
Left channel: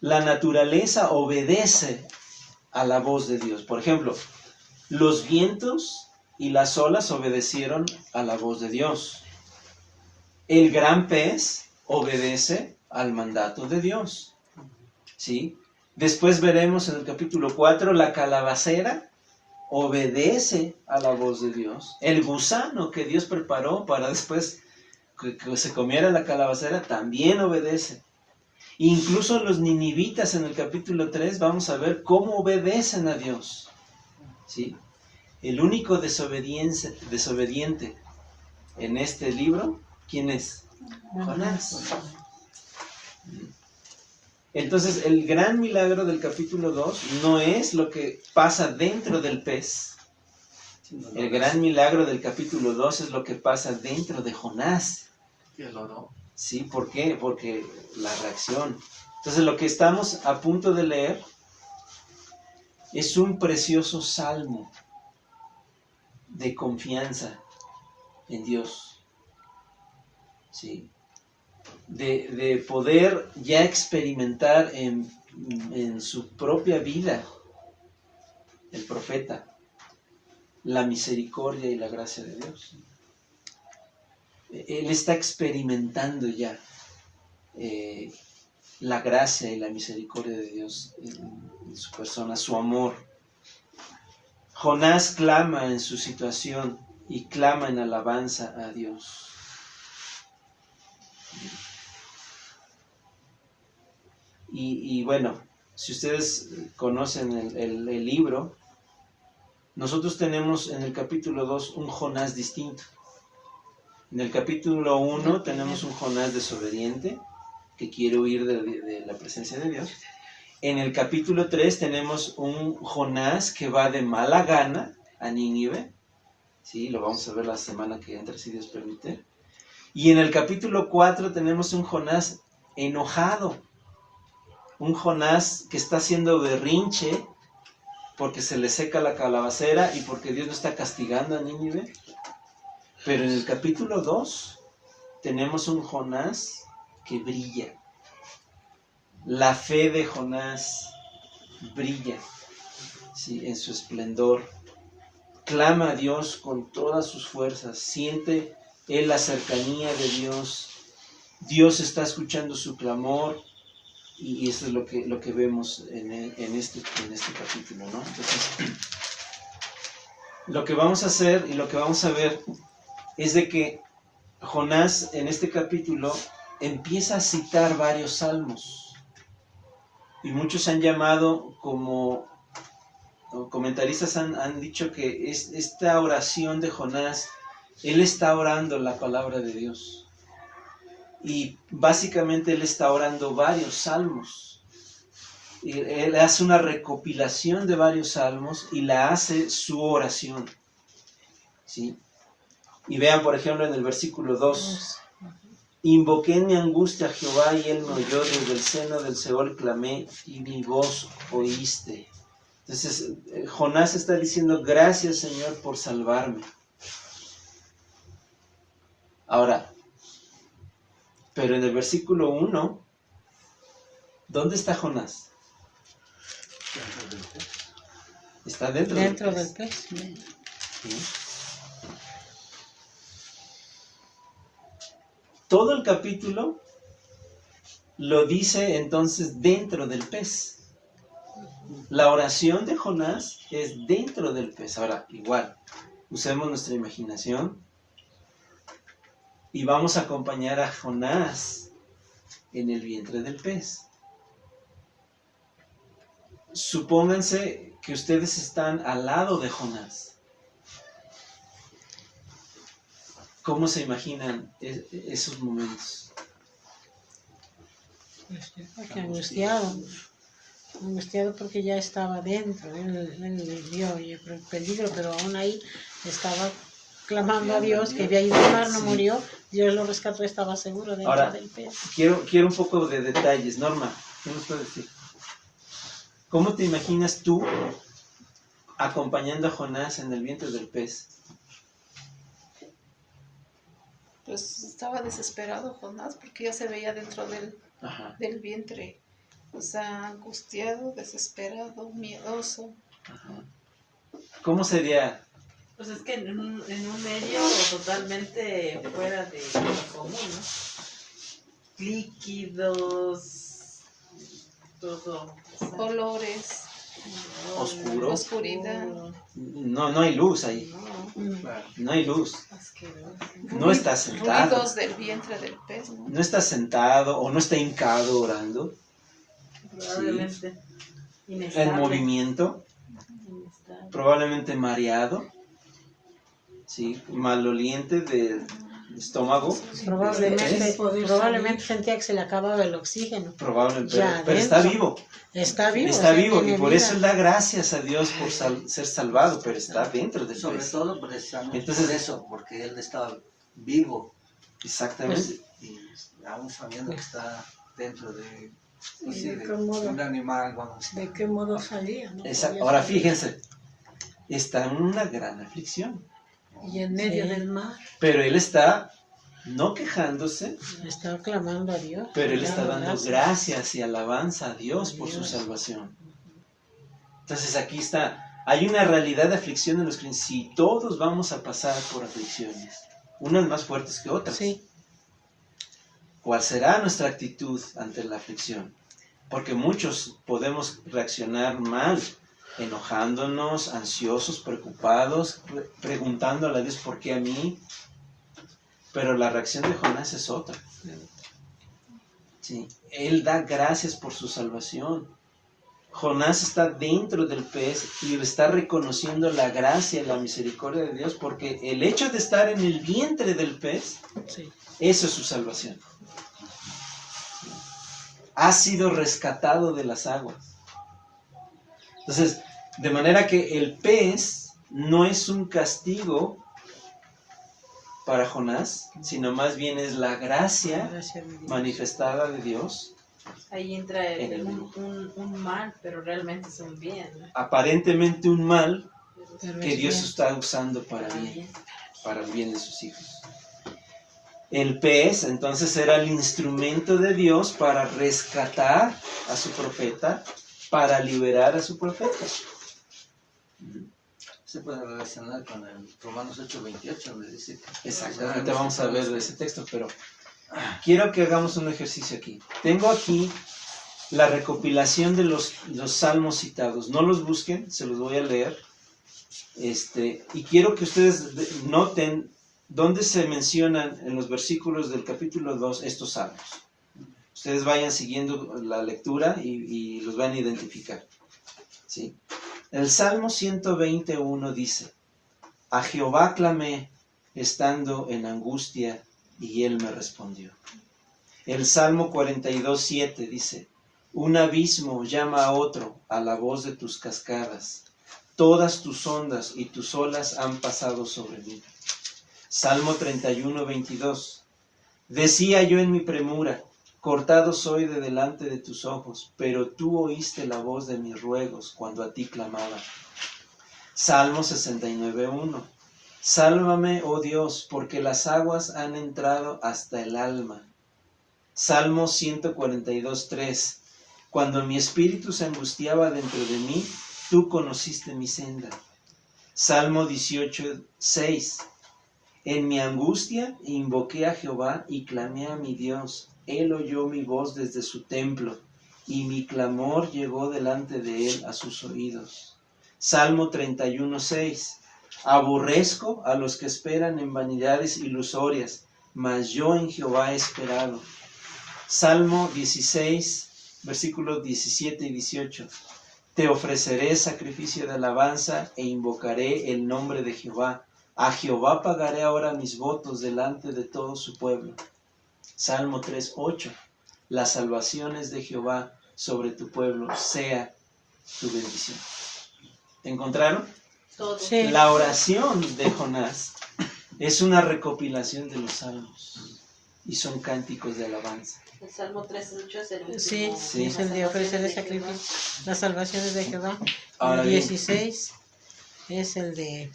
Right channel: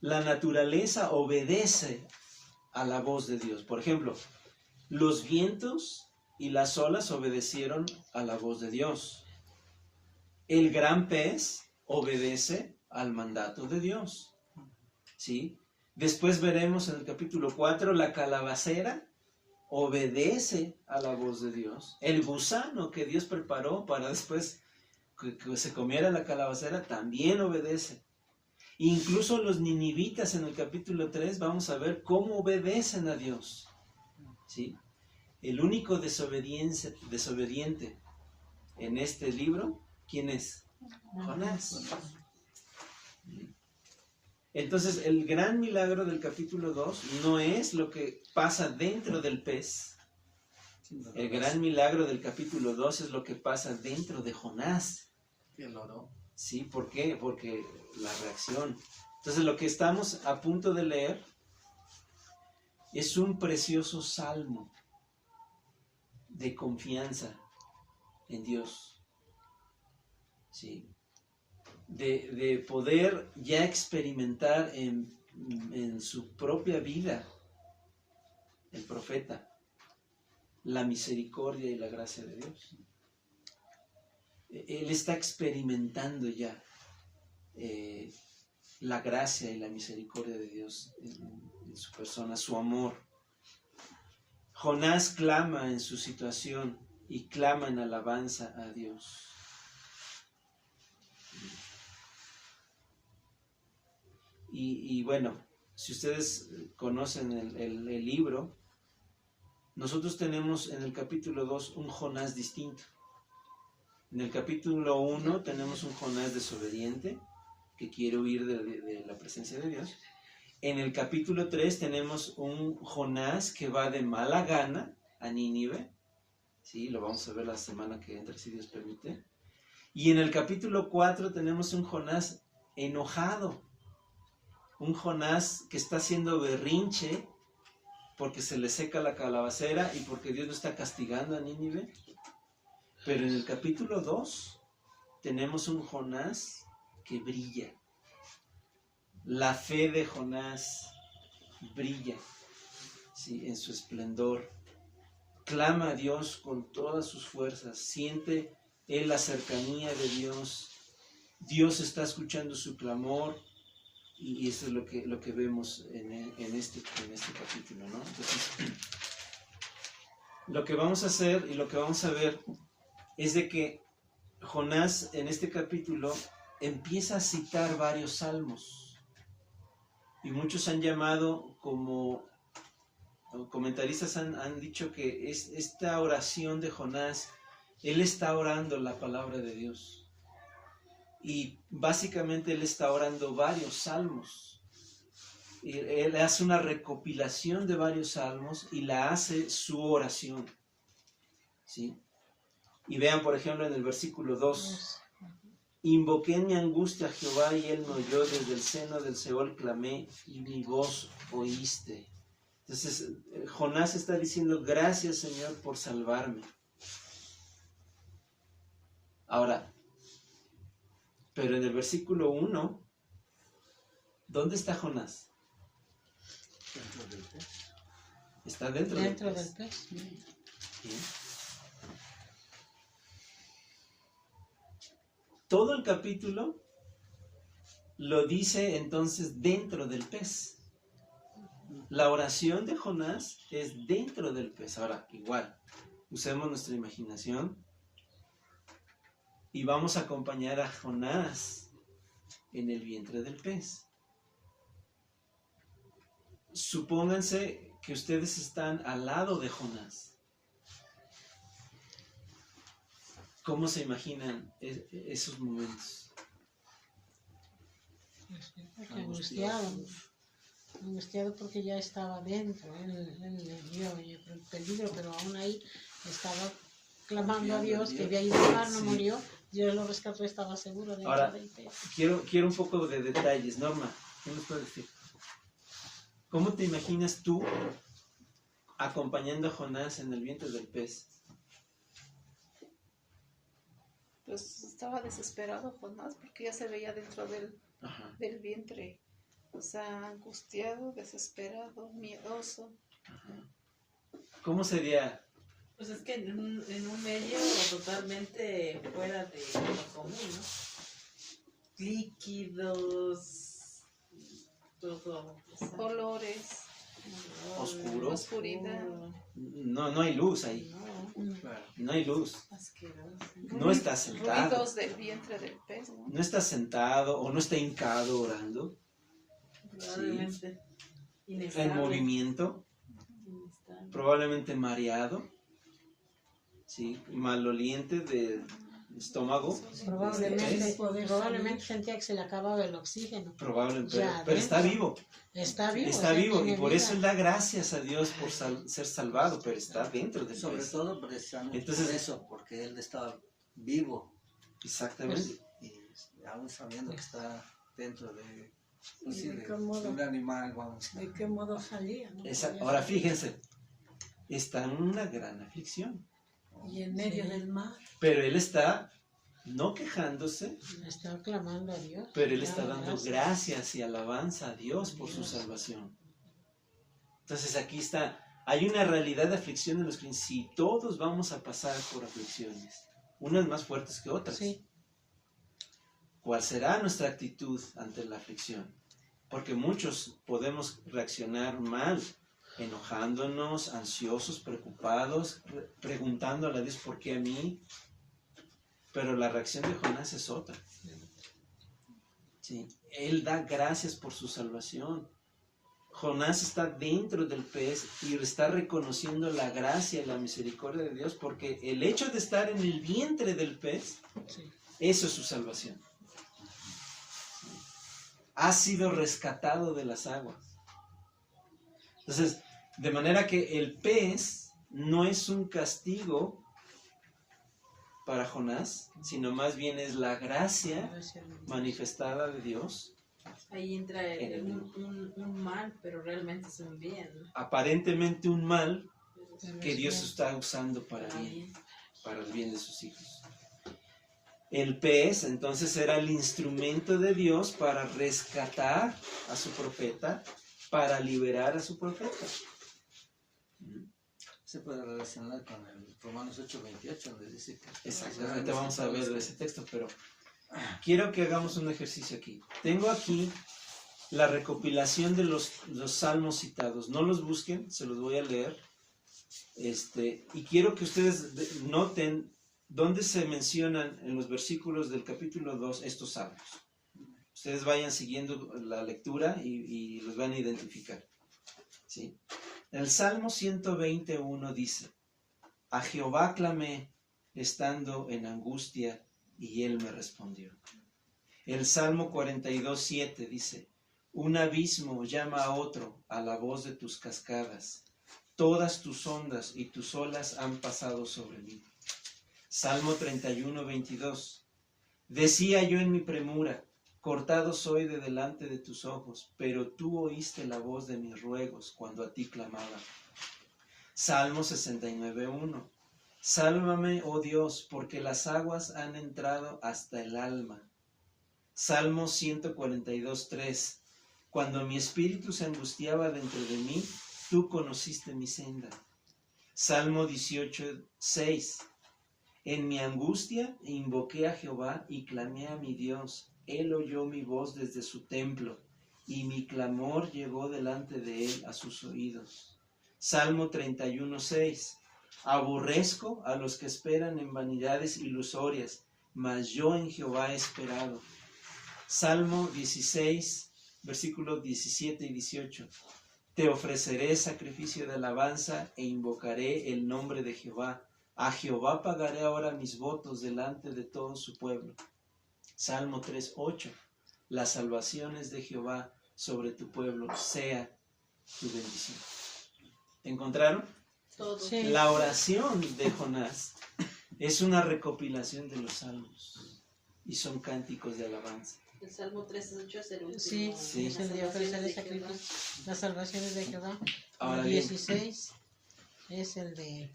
La naturaleza obedece a la voz de Dios. Por ejemplo, los vientos y las olas obedecieron a la voz de Dios. El gran pez obedece al mandato de Dios. ¿Sí? Después veremos en el capítulo 4, la calabacera obedece a la voz de Dios. El gusano que Dios preparó para después que se comiera la calabacera también obedece. Incluso los ninivitas en el capítulo 3 vamos a ver cómo obedecen a Dios. ¿Sí? El único desobediente en este libro, ¿quién es? Jonás. Entonces, el gran milagro del capítulo 2 no es lo que pasa dentro del pez. El gran milagro del capítulo 2 es lo que pasa dentro de Jonás. ¿Sí? ¿Por qué? Porque la reacción. Entonces, lo que estamos a punto de leer es un precioso salmo de confianza en Dios. ¿Sí? De poder ya experimentar en su propia vida, el profeta, la misericordia y la gracia de Dios. Él está experimentando ya la gracia y la misericordia de Dios en su persona, su amor. Jonás clama en su situación y clama en alabanza a Dios. Y bueno, si ustedes conocen el libro, nosotros tenemos en el capítulo 2 un Jonás distinto. En el capítulo 1 tenemos un Jonás desobediente que quiere huir de la presencia de Dios. En el capítulo 3 tenemos un Jonás que va de mala gana a Nínive. Sí, lo vamos a ver la semana que entra, si Dios permite. Y en el capítulo 4 tenemos un Jonás enojado. Un Jonás que está haciendo berrinche porque se le seca la calabacera y porque Dios no está castigando a Nínive. Pero en el capítulo 2 tenemos un Jonás que brilla. La fe de Jonás brilla, ¿sí?, en su esplendor. Clama a Dios con todas sus fuerzas. Siente él la cercanía de Dios. Dios está escuchando su clamor. Y eso es lo que vemos en este capítulo, ¿no? Entonces, lo que vamos a hacer y lo que vamos a ver es de que Jonás en este capítulo empieza a citar varios salmos. Y muchos han llamado, como comentaristas han dicho que esta oración de Jonás, él está orando la palabra de Dios. Y básicamente él está orando varios salmos. Él hace una recopilación de varios salmos y la hace su oración, ¿sí? Y vean, por ejemplo, en el versículo 2. Invoqué en mi angustia a Jehová y él me oyó, desde el seno del Seol clamé y mi voz oíste. Entonces, Jonás está diciendo, gracias Señor por salvarme. Ahora, pero en el versículo 1, ¿dónde está Jonás? Está dentro del pez. ¿Sí? Todo el capítulo lo dice entonces dentro del pez. La oración de Jonás es dentro del pez. Ahora, igual, usemos nuestra imaginación y vamos a acompañar a Jonás en el vientre del pez. Supónganse que ustedes están al lado de Jonás. ¿Cómo se imaginan esos momentos? Angustiado porque ya estaba dentro, él vio el peligro, pero aún ahí estaba clamando a Dios, que había ido al mar, no murió, Dios lo rescató, estaba seguro dentro del pez. Quiero un poco de detalles. Norma, ¿qué nos puedes decir? ¿Cómo te imaginas tú acompañando a Jonás en el vientre del pez? Pues estaba desesperado Jonás porque ya se veía dentro del vientre. O sea, angustiado, desesperado, miedoso. Ajá. ¿Cómo sería? Pues es que en un medio totalmente fuera de lo común, ¿no? Líquidos, todo. Colores, Oscuro. oscuridad. No hay luz ahí. No hay luz. No está sentado. Ruidos del vientre del pez, ¿no? No está sentado o no está hincado orando. Probablemente En inestable. movimiento. Inestable. Probablemente mareado. ¿Sí? Maloliente del estómago. Probablemente sentía que se le acababa el oxígeno. Probablemente. Ya Pero está adentro. vivo. Está vivo. Está vivo. Y por vida. eso él da gracias a Dios por ser salvado. Pero está dentro del Sobre pez. todo precisamente Entonces, por eso, porque él estaba vivo Exactamente. y aún sabiendo que está dentro de, ¿Y sí, de de qué modo? un animal, vamos. ¿De qué modo salía? ¿No? Ahora fíjense. Está en una gran aflicción. Y en medio Sí. del mar. Pero él está no quejándose, Está clamando a Dios. pero él está dando gracias y alabanza a Dios por su salvación. Entonces aquí está, hay una realidad de aflicción en los creyentes. Sí, todos vamos a pasar por aflicciones, unas más fuertes que otras. Sí. ¿Cuál será nuestra actitud ante la aflicción? Porque muchos podemos reaccionar mal, enojándonos, ansiosos, preocupados, preguntándole a Dios por qué a mí. Pero la reacción de Jonás es otra. Sí, él da gracias por su salvación. Jonás está dentro del pez y está reconociendo la gracia y la misericordia de Dios, porque el hecho de estar en el vientre del pez, Sí. eso es su salvación. Ha sido rescatado de las aguas. Entonces, de manera que el pez no es un castigo para Jonás, sino más bien es la gracia Gracias a Dios. manifestada de Dios. Ahí entra En el un mal, pero realmente es un bien, ¿no? Aparentemente un mal Pero que es Dios bien. está usando para bien. para el bien de sus hijos. El pez entonces era el instrumento de Dios para rescatar a su profeta, para liberar a su profeta. Se puede relacionar con el Romanos 8:28, donde dice que... Exactamente, vamos a ver de ese texto, pero quiero que hagamos un ejercicio aquí. Tengo aquí la recopilación de los salmos citados. No los busquen, se los voy a leer. Y quiero que ustedes noten dónde se mencionan en los versículos del capítulo 2 estos salmos. Ustedes vayan siguiendo la lectura y los van a identificar. ¿Sí? El Salmo 121 dice: a Jehová clamé estando en angustia y él me respondió. El Salmo 42:7 dice: un abismo llama a otro a la voz de tus cascadas. Todas tus ondas y tus olas han pasado sobre mí. Salmo 31:22. Decía yo en mi premura: cortado soy de delante de tus ojos, pero tú oíste la voz de mis ruegos cuando a ti clamaba. Salmo 69:1. Sálvame, oh Dios, porque las aguas han entrado hasta el alma. Salmo 142:3. Cuando mi espíritu se angustiaba dentro de mí, tú conociste mi senda. Salmo 18:6. En mi angustia invoqué a Jehová y clamé a mi Dios. Él oyó mi voz desde su templo, y mi clamor llegó delante de él a sus oídos. Salmo 31:6. Aborrezco a los que esperan en vanidades ilusorias, mas yo en Jehová he esperado. Salmo 16, versículos 17 y 18. Te ofreceré sacrificio de alabanza e invocaré el nombre de Jehová. A Jehová pagaré ahora mis votos delante de todo su pueblo. Salmo 3:8. Las salvaciones de Jehová sobre tu pueblo sea tu bendición. ¿Encontraron? Todo. Sí. La oración de Jonás es una recopilación de los salmos y son cánticos de alabanza. El Salmo 3:8 es el último. Sí, Sí. es el de ofrecer el sacrificio, las salvaciones de Jehová. Ahora El bien, 16 es el de...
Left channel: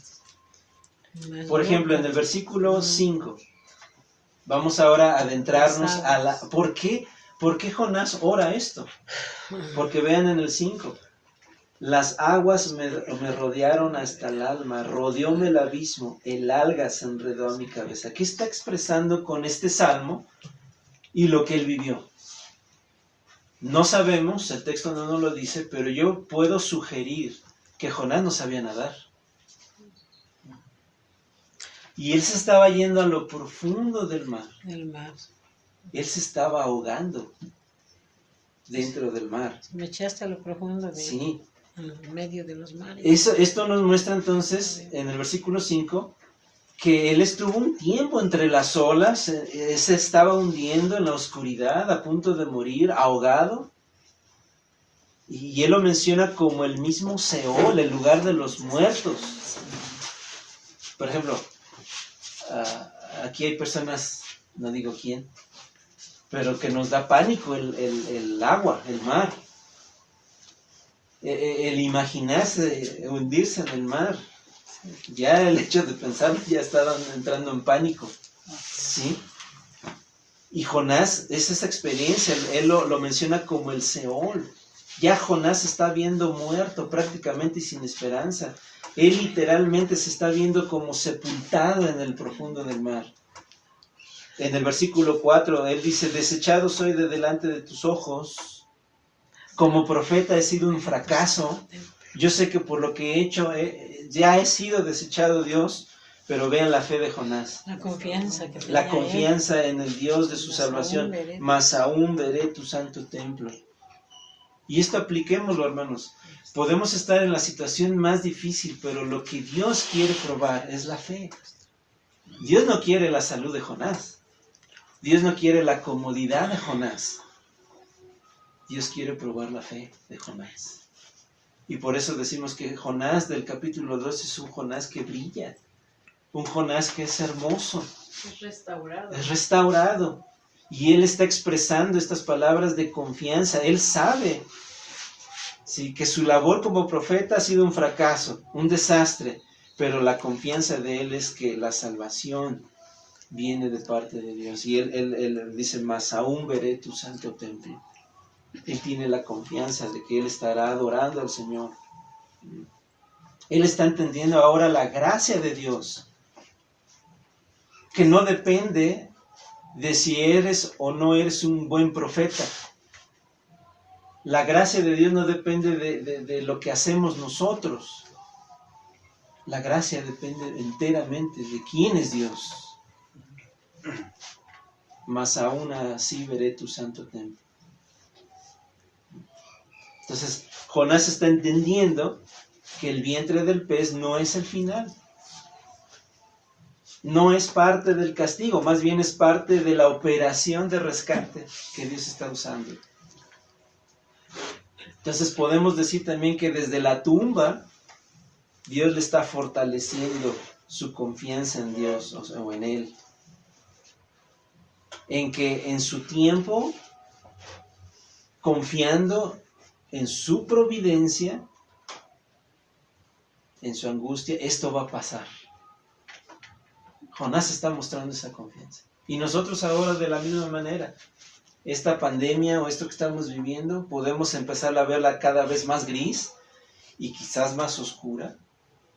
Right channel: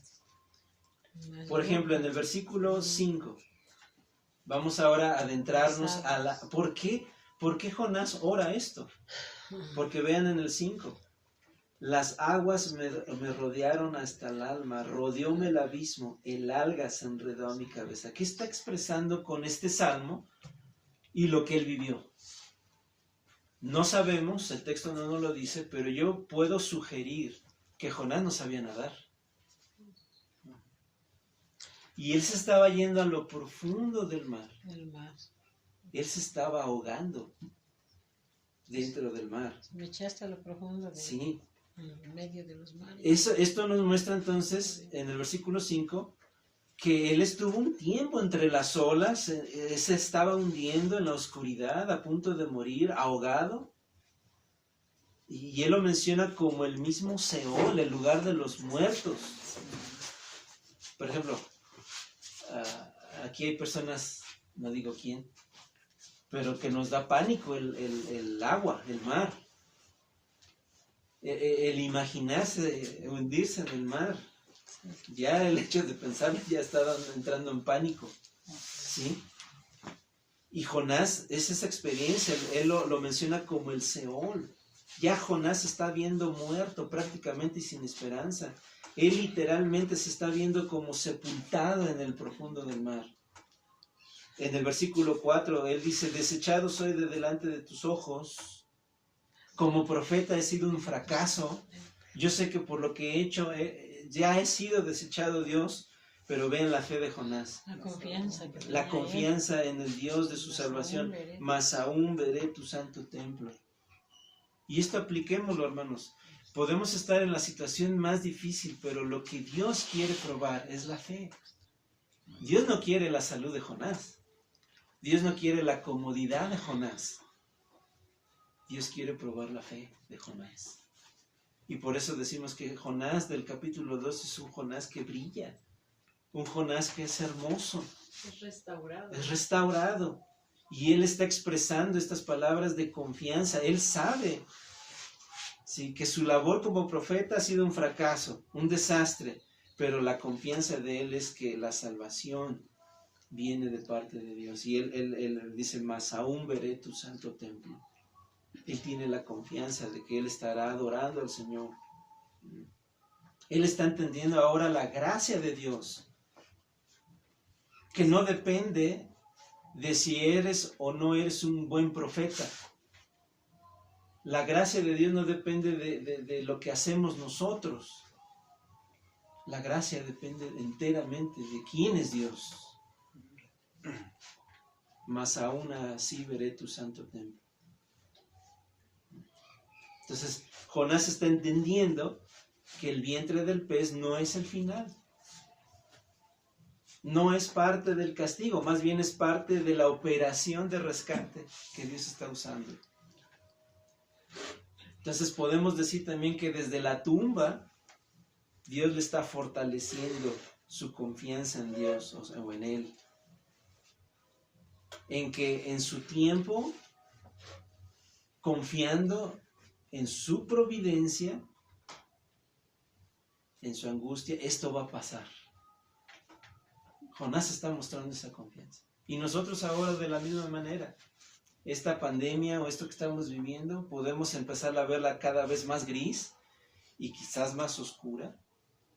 por ejemplo, en el versículo 5, vamos ahora a adentrarnos a la... ¿Por qué Jonás ora esto? Porque vean en el 5, las aguas me rodearon hasta el alma, rodeóme el abismo, el alga se enredó a mi cabeza. ¿Qué está expresando con este salmo y lo que él vivió? No sabemos, el texto no nos lo dice, pero yo puedo sugerir que Jonás no sabía nadar. Y él se estaba yendo a lo profundo del mar. El mar. Él se estaba ahogando dentro del mar. Me echaste a lo profundo de... Sí. En medio de los mares. Esto nos muestra entonces, en el versículo 5, que él estuvo un tiempo entre las olas, se estaba hundiendo en la oscuridad, a punto de morir, ahogado. Y él lo menciona como el mismo Seol, el lugar de los muertos. Por ejemplo, aquí hay personas, no digo quién, pero que nos da pánico el agua, el mar. El imaginarse hundirse en el mar, ya el hecho de pensarlo ya estaban entrando en pánico, ¿sí? Y Jonás es esa experiencia, él lo menciona como el Seol. Ya Jonás está viendo muerto prácticamente y sin esperanza. Él literalmente se está viendo como sepultado en el profundo del mar. En el versículo 4, él dice: desechado soy de delante de tus ojos. Como profeta he sido un fracaso. Yo sé que por lo que he hecho ya he sido desechado, Dios. Pero vean la fe de Jonás. La confianza que La tenía confianza en el Dios de su Mas salvación. aún veré. Mas aún veré tu santo templo. Y esto apliquémoslo, hermanos. Podemos estar en la situación más difícil, pero lo que Dios quiere probar es la fe. Dios no quiere la salud de Jonás. Dios no quiere la comodidad de Jonás. Dios quiere probar la fe de Jonás. Y por eso decimos que Jonás del capítulo 2 es un Jonás que brilla. Un Jonás que es hermoso. Es restaurado. Es restaurado. Y él está expresando estas palabras de confianza. Él sabe, sí, que su labor como profeta ha sido un fracaso, un desastre. pero la confianza de él es que la salvación viene de parte de Dios. Y él dice, más aún veré tu santo templo. Él tiene la confianza de que él estará adorando al Señor. Él está entendiendo ahora la gracia de Dios, que no depende de si eres o no eres un buen profeta. La gracia de Dios no depende de lo que hacemos nosotros. La gracia depende enteramente de quién es Dios. Mas aún así veré tu santo templo. Entonces, Jonás está entendiendo que el vientre del pez no es el final. No es parte del castigo, más bien es parte de la operación de rescate que Dios está usando. Entonces podemos decir también que desde la tumba Dios le está fortaleciendo su confianza en Dios o en Él. En que en su tiempo, confiando en su providencia, en su angustia, esto va a pasar. Jonás está mostrando esa confianza. Y nosotros ahora de la misma manera. Esta pandemia o esto que estamos viviendo, podemos empezar a verla cada vez más gris y quizás más oscura.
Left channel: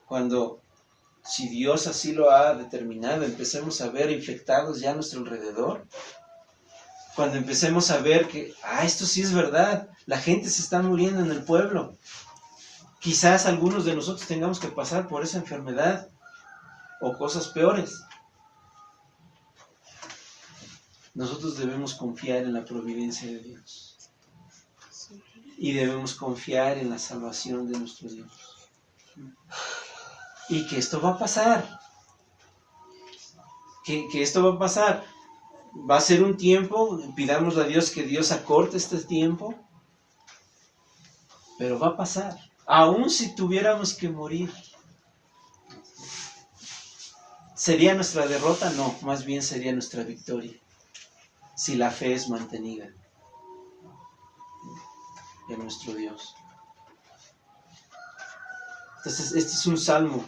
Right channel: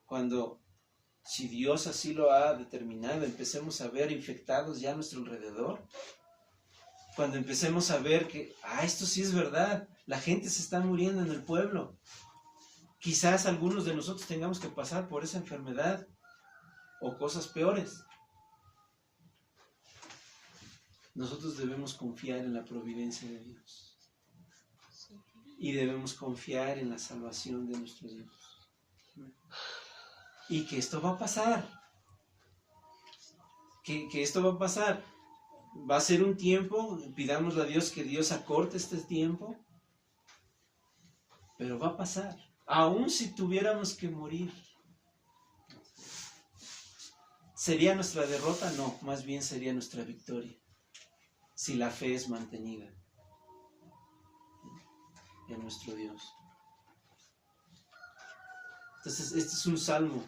Cuando, si Dios así lo ha determinado, empecemos a ver infectados ya a nuestro alrededor. Cuando empecemos a ver que, esto sí es verdad, la gente se está muriendo en el pueblo. Quizás algunos de nosotros tengamos que pasar por esa enfermedad o cosas peores. Nosotros debemos confiar en la providencia de Dios. Y debemos confiar en la salvación de nuestro Dios. Y que esto va a pasar. Que esto va a pasar. Va a ser un tiempo, pidámosle a Dios que Dios acorte este tiempo. Pero va a pasar. Aún si tuviéramos que morir. ¿Sería nuestra derrota? No, más bien sería nuestra victoria. Si la fe es mantenida en nuestro Dios. Entonces, este es un salmo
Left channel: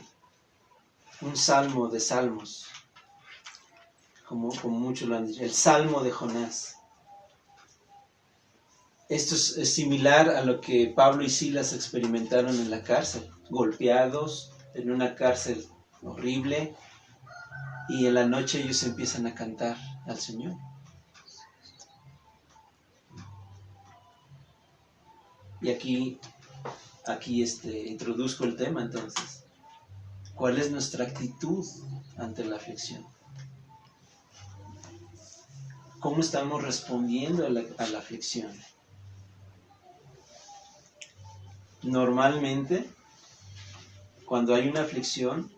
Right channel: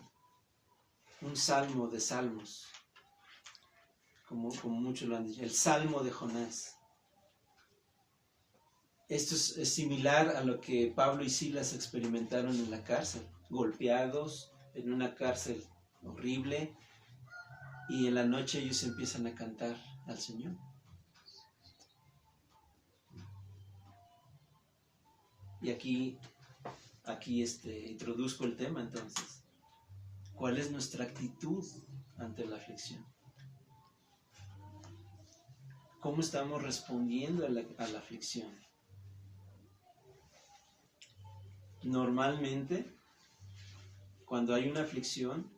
de salmos, como muchos lo han dicho, el salmo de Jonás. Esto es similar a lo que Pablo y Silas experimentaron en la cárcel, golpeados en una cárcel horrible, y en la noche ellos empiezan a cantar al Señor. Y aquí introduzco el tema entonces. ¿Cuál es nuestra actitud ante la aflicción? ¿Cómo estamos respondiendo a la aflicción? Normalmente, cuando hay una aflicción,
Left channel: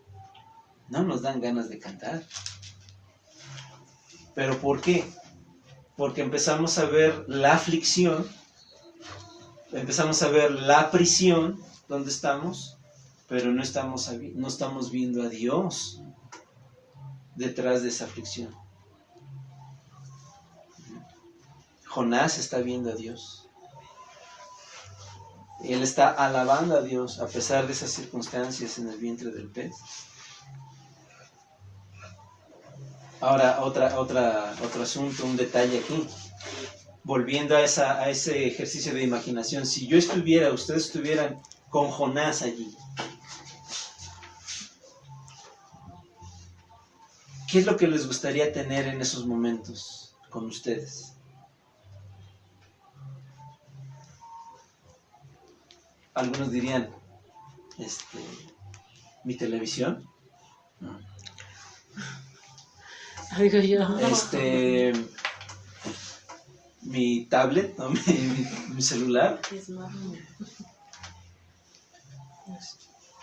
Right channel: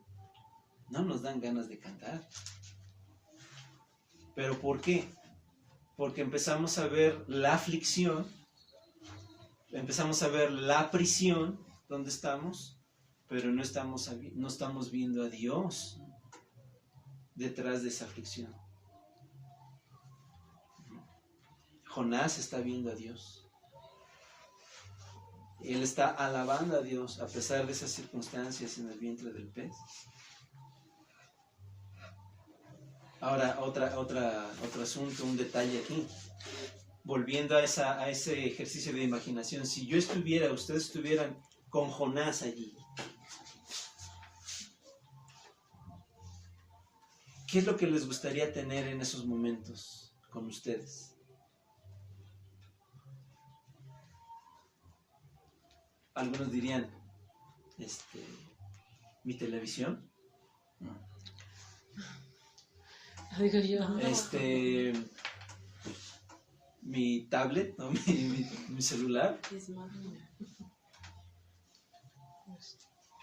no nos dan ganas de cantar. ¿Pero por qué? Porque empezamos a ver la aflicción, empezamos a ver la prisión donde estamos, pero no estamos viendo a Dios detrás de esa aflicción. Jonás está viendo a Dios. Él está alabando a Dios a pesar de esas circunstancias en el vientre del pez. Ahora, otro asunto, un detalle aquí. Volviendo a ese ejercicio de imaginación, si yo ustedes estuvieran con Jonás allí, ¿qué es lo que les gustaría tener en esos momentos con ustedes? Algunos dirían, mi televisión, Digo yo. Mi tablet, ¿no? mi celular.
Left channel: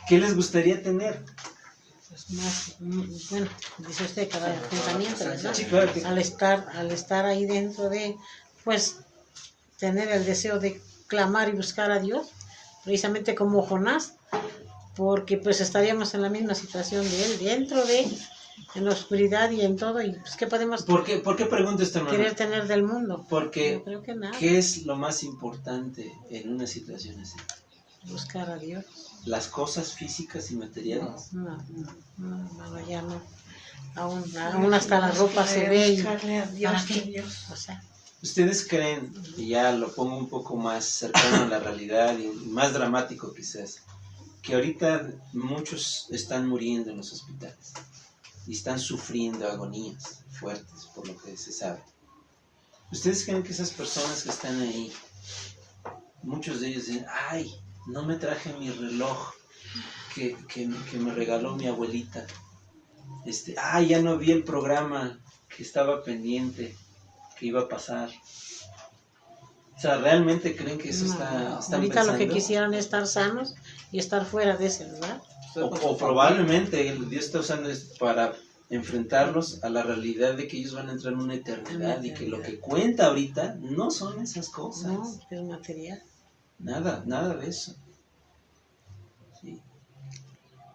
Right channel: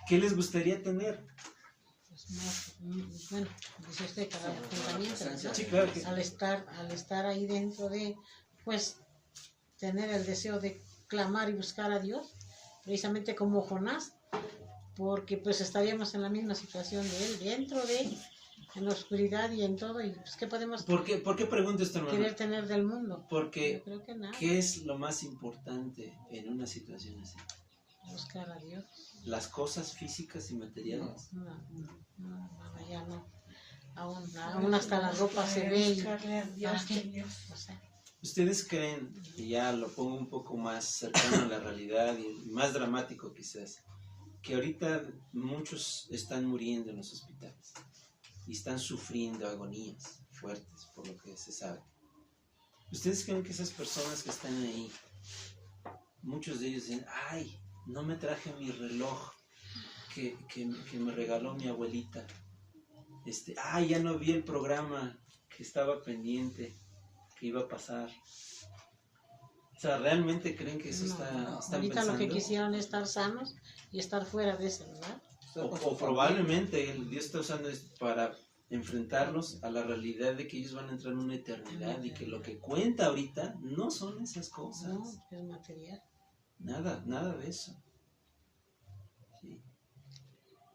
¿Qué les gustaría tener? Pues más, bueno, dice usted cada pensamiento, ¿verdad? Sí, claro que... Al estar ahí dentro de, pues, tener el deseo de clamar y buscar a Dios, precisamente como Jonás, porque pues estaríamos en la misma situación de él, dentro de él, en la oscuridad y en todo, y pues ¿qué podemos ¿Por qué pregunto esto, hermano? querer tener del mundo? Porque, yo creo que nada. ¿qué es lo más importante en una situación así? Buscar a Dios. Las cosas físicas y materiales. No, ya no. Aún hasta la ropa se ve y Buscarle a Dios, ¿para qué? que Dios. O sea, ¿Ustedes creen, y ya lo pongo un poco más cercano a la realidad y más dramático quizás, que ahorita muchos están muriendo en los hospitales y están sufriendo agonías fuertes por lo que se sabe? ¿Ustedes creen que esas personas que están ahí, muchos de ellos dicen, ay, no me traje mi reloj que me regaló mi abuelita? Ya no vi el programa que estaba pendiente, que iba a pasar? O sea, ¿realmente creen que eso están ahorita lo que pensando? quisieran es estar sanos y estar fuera de ese lugar. O probablemente Dios está usando esto para enfrentarlos a la realidad de que ellos van a entrar en una eternidad y que lo que cuenta ahorita no son esas cosas. No, es material. Nada de eso. Sí.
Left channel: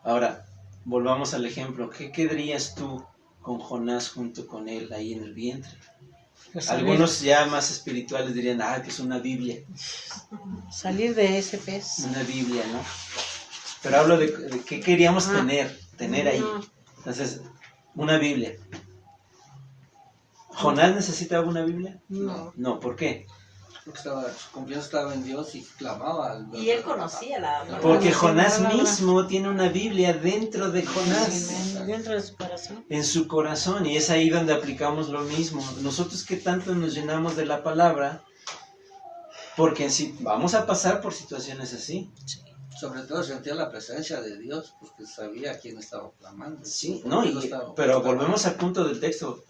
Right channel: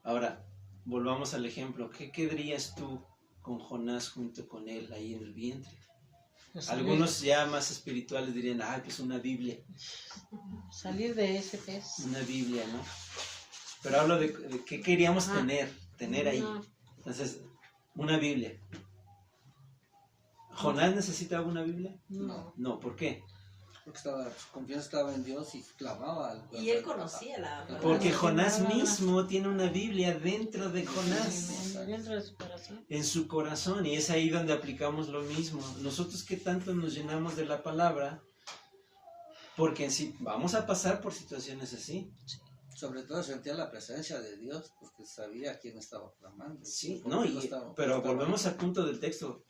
Ahora, volvamos al ejemplo. ¿Qué quedarías tú con Jonás junto con él ahí en el vientre? Pues Algunos ya más espirituales dirían, pues una Biblia. Salir de ese pez. Una Biblia, ¿no? Pero hablo de qué queríamos tener ahí. No. Entonces, una Biblia. ¿Jonás necesitaba una Biblia? No. No, ¿por qué? Porque su confianza estaba en Dios y clamaba al Y él conocía la palabra. Porque Jonás palabra. mismo tiene una Biblia dentro de Jonás, Dentro de su corazón. en su corazón, y es ahí donde aplicamos lo mismo. Nosotros que tanto nos llenamos de la palabra, porque si vamos a pasar por situaciones así. Sobre todo sentía la presencia de Dios, porque sabía a quién estaba clamando. Sí, Por no, qué lo estaba pero buscando. volvemos al punto del texto,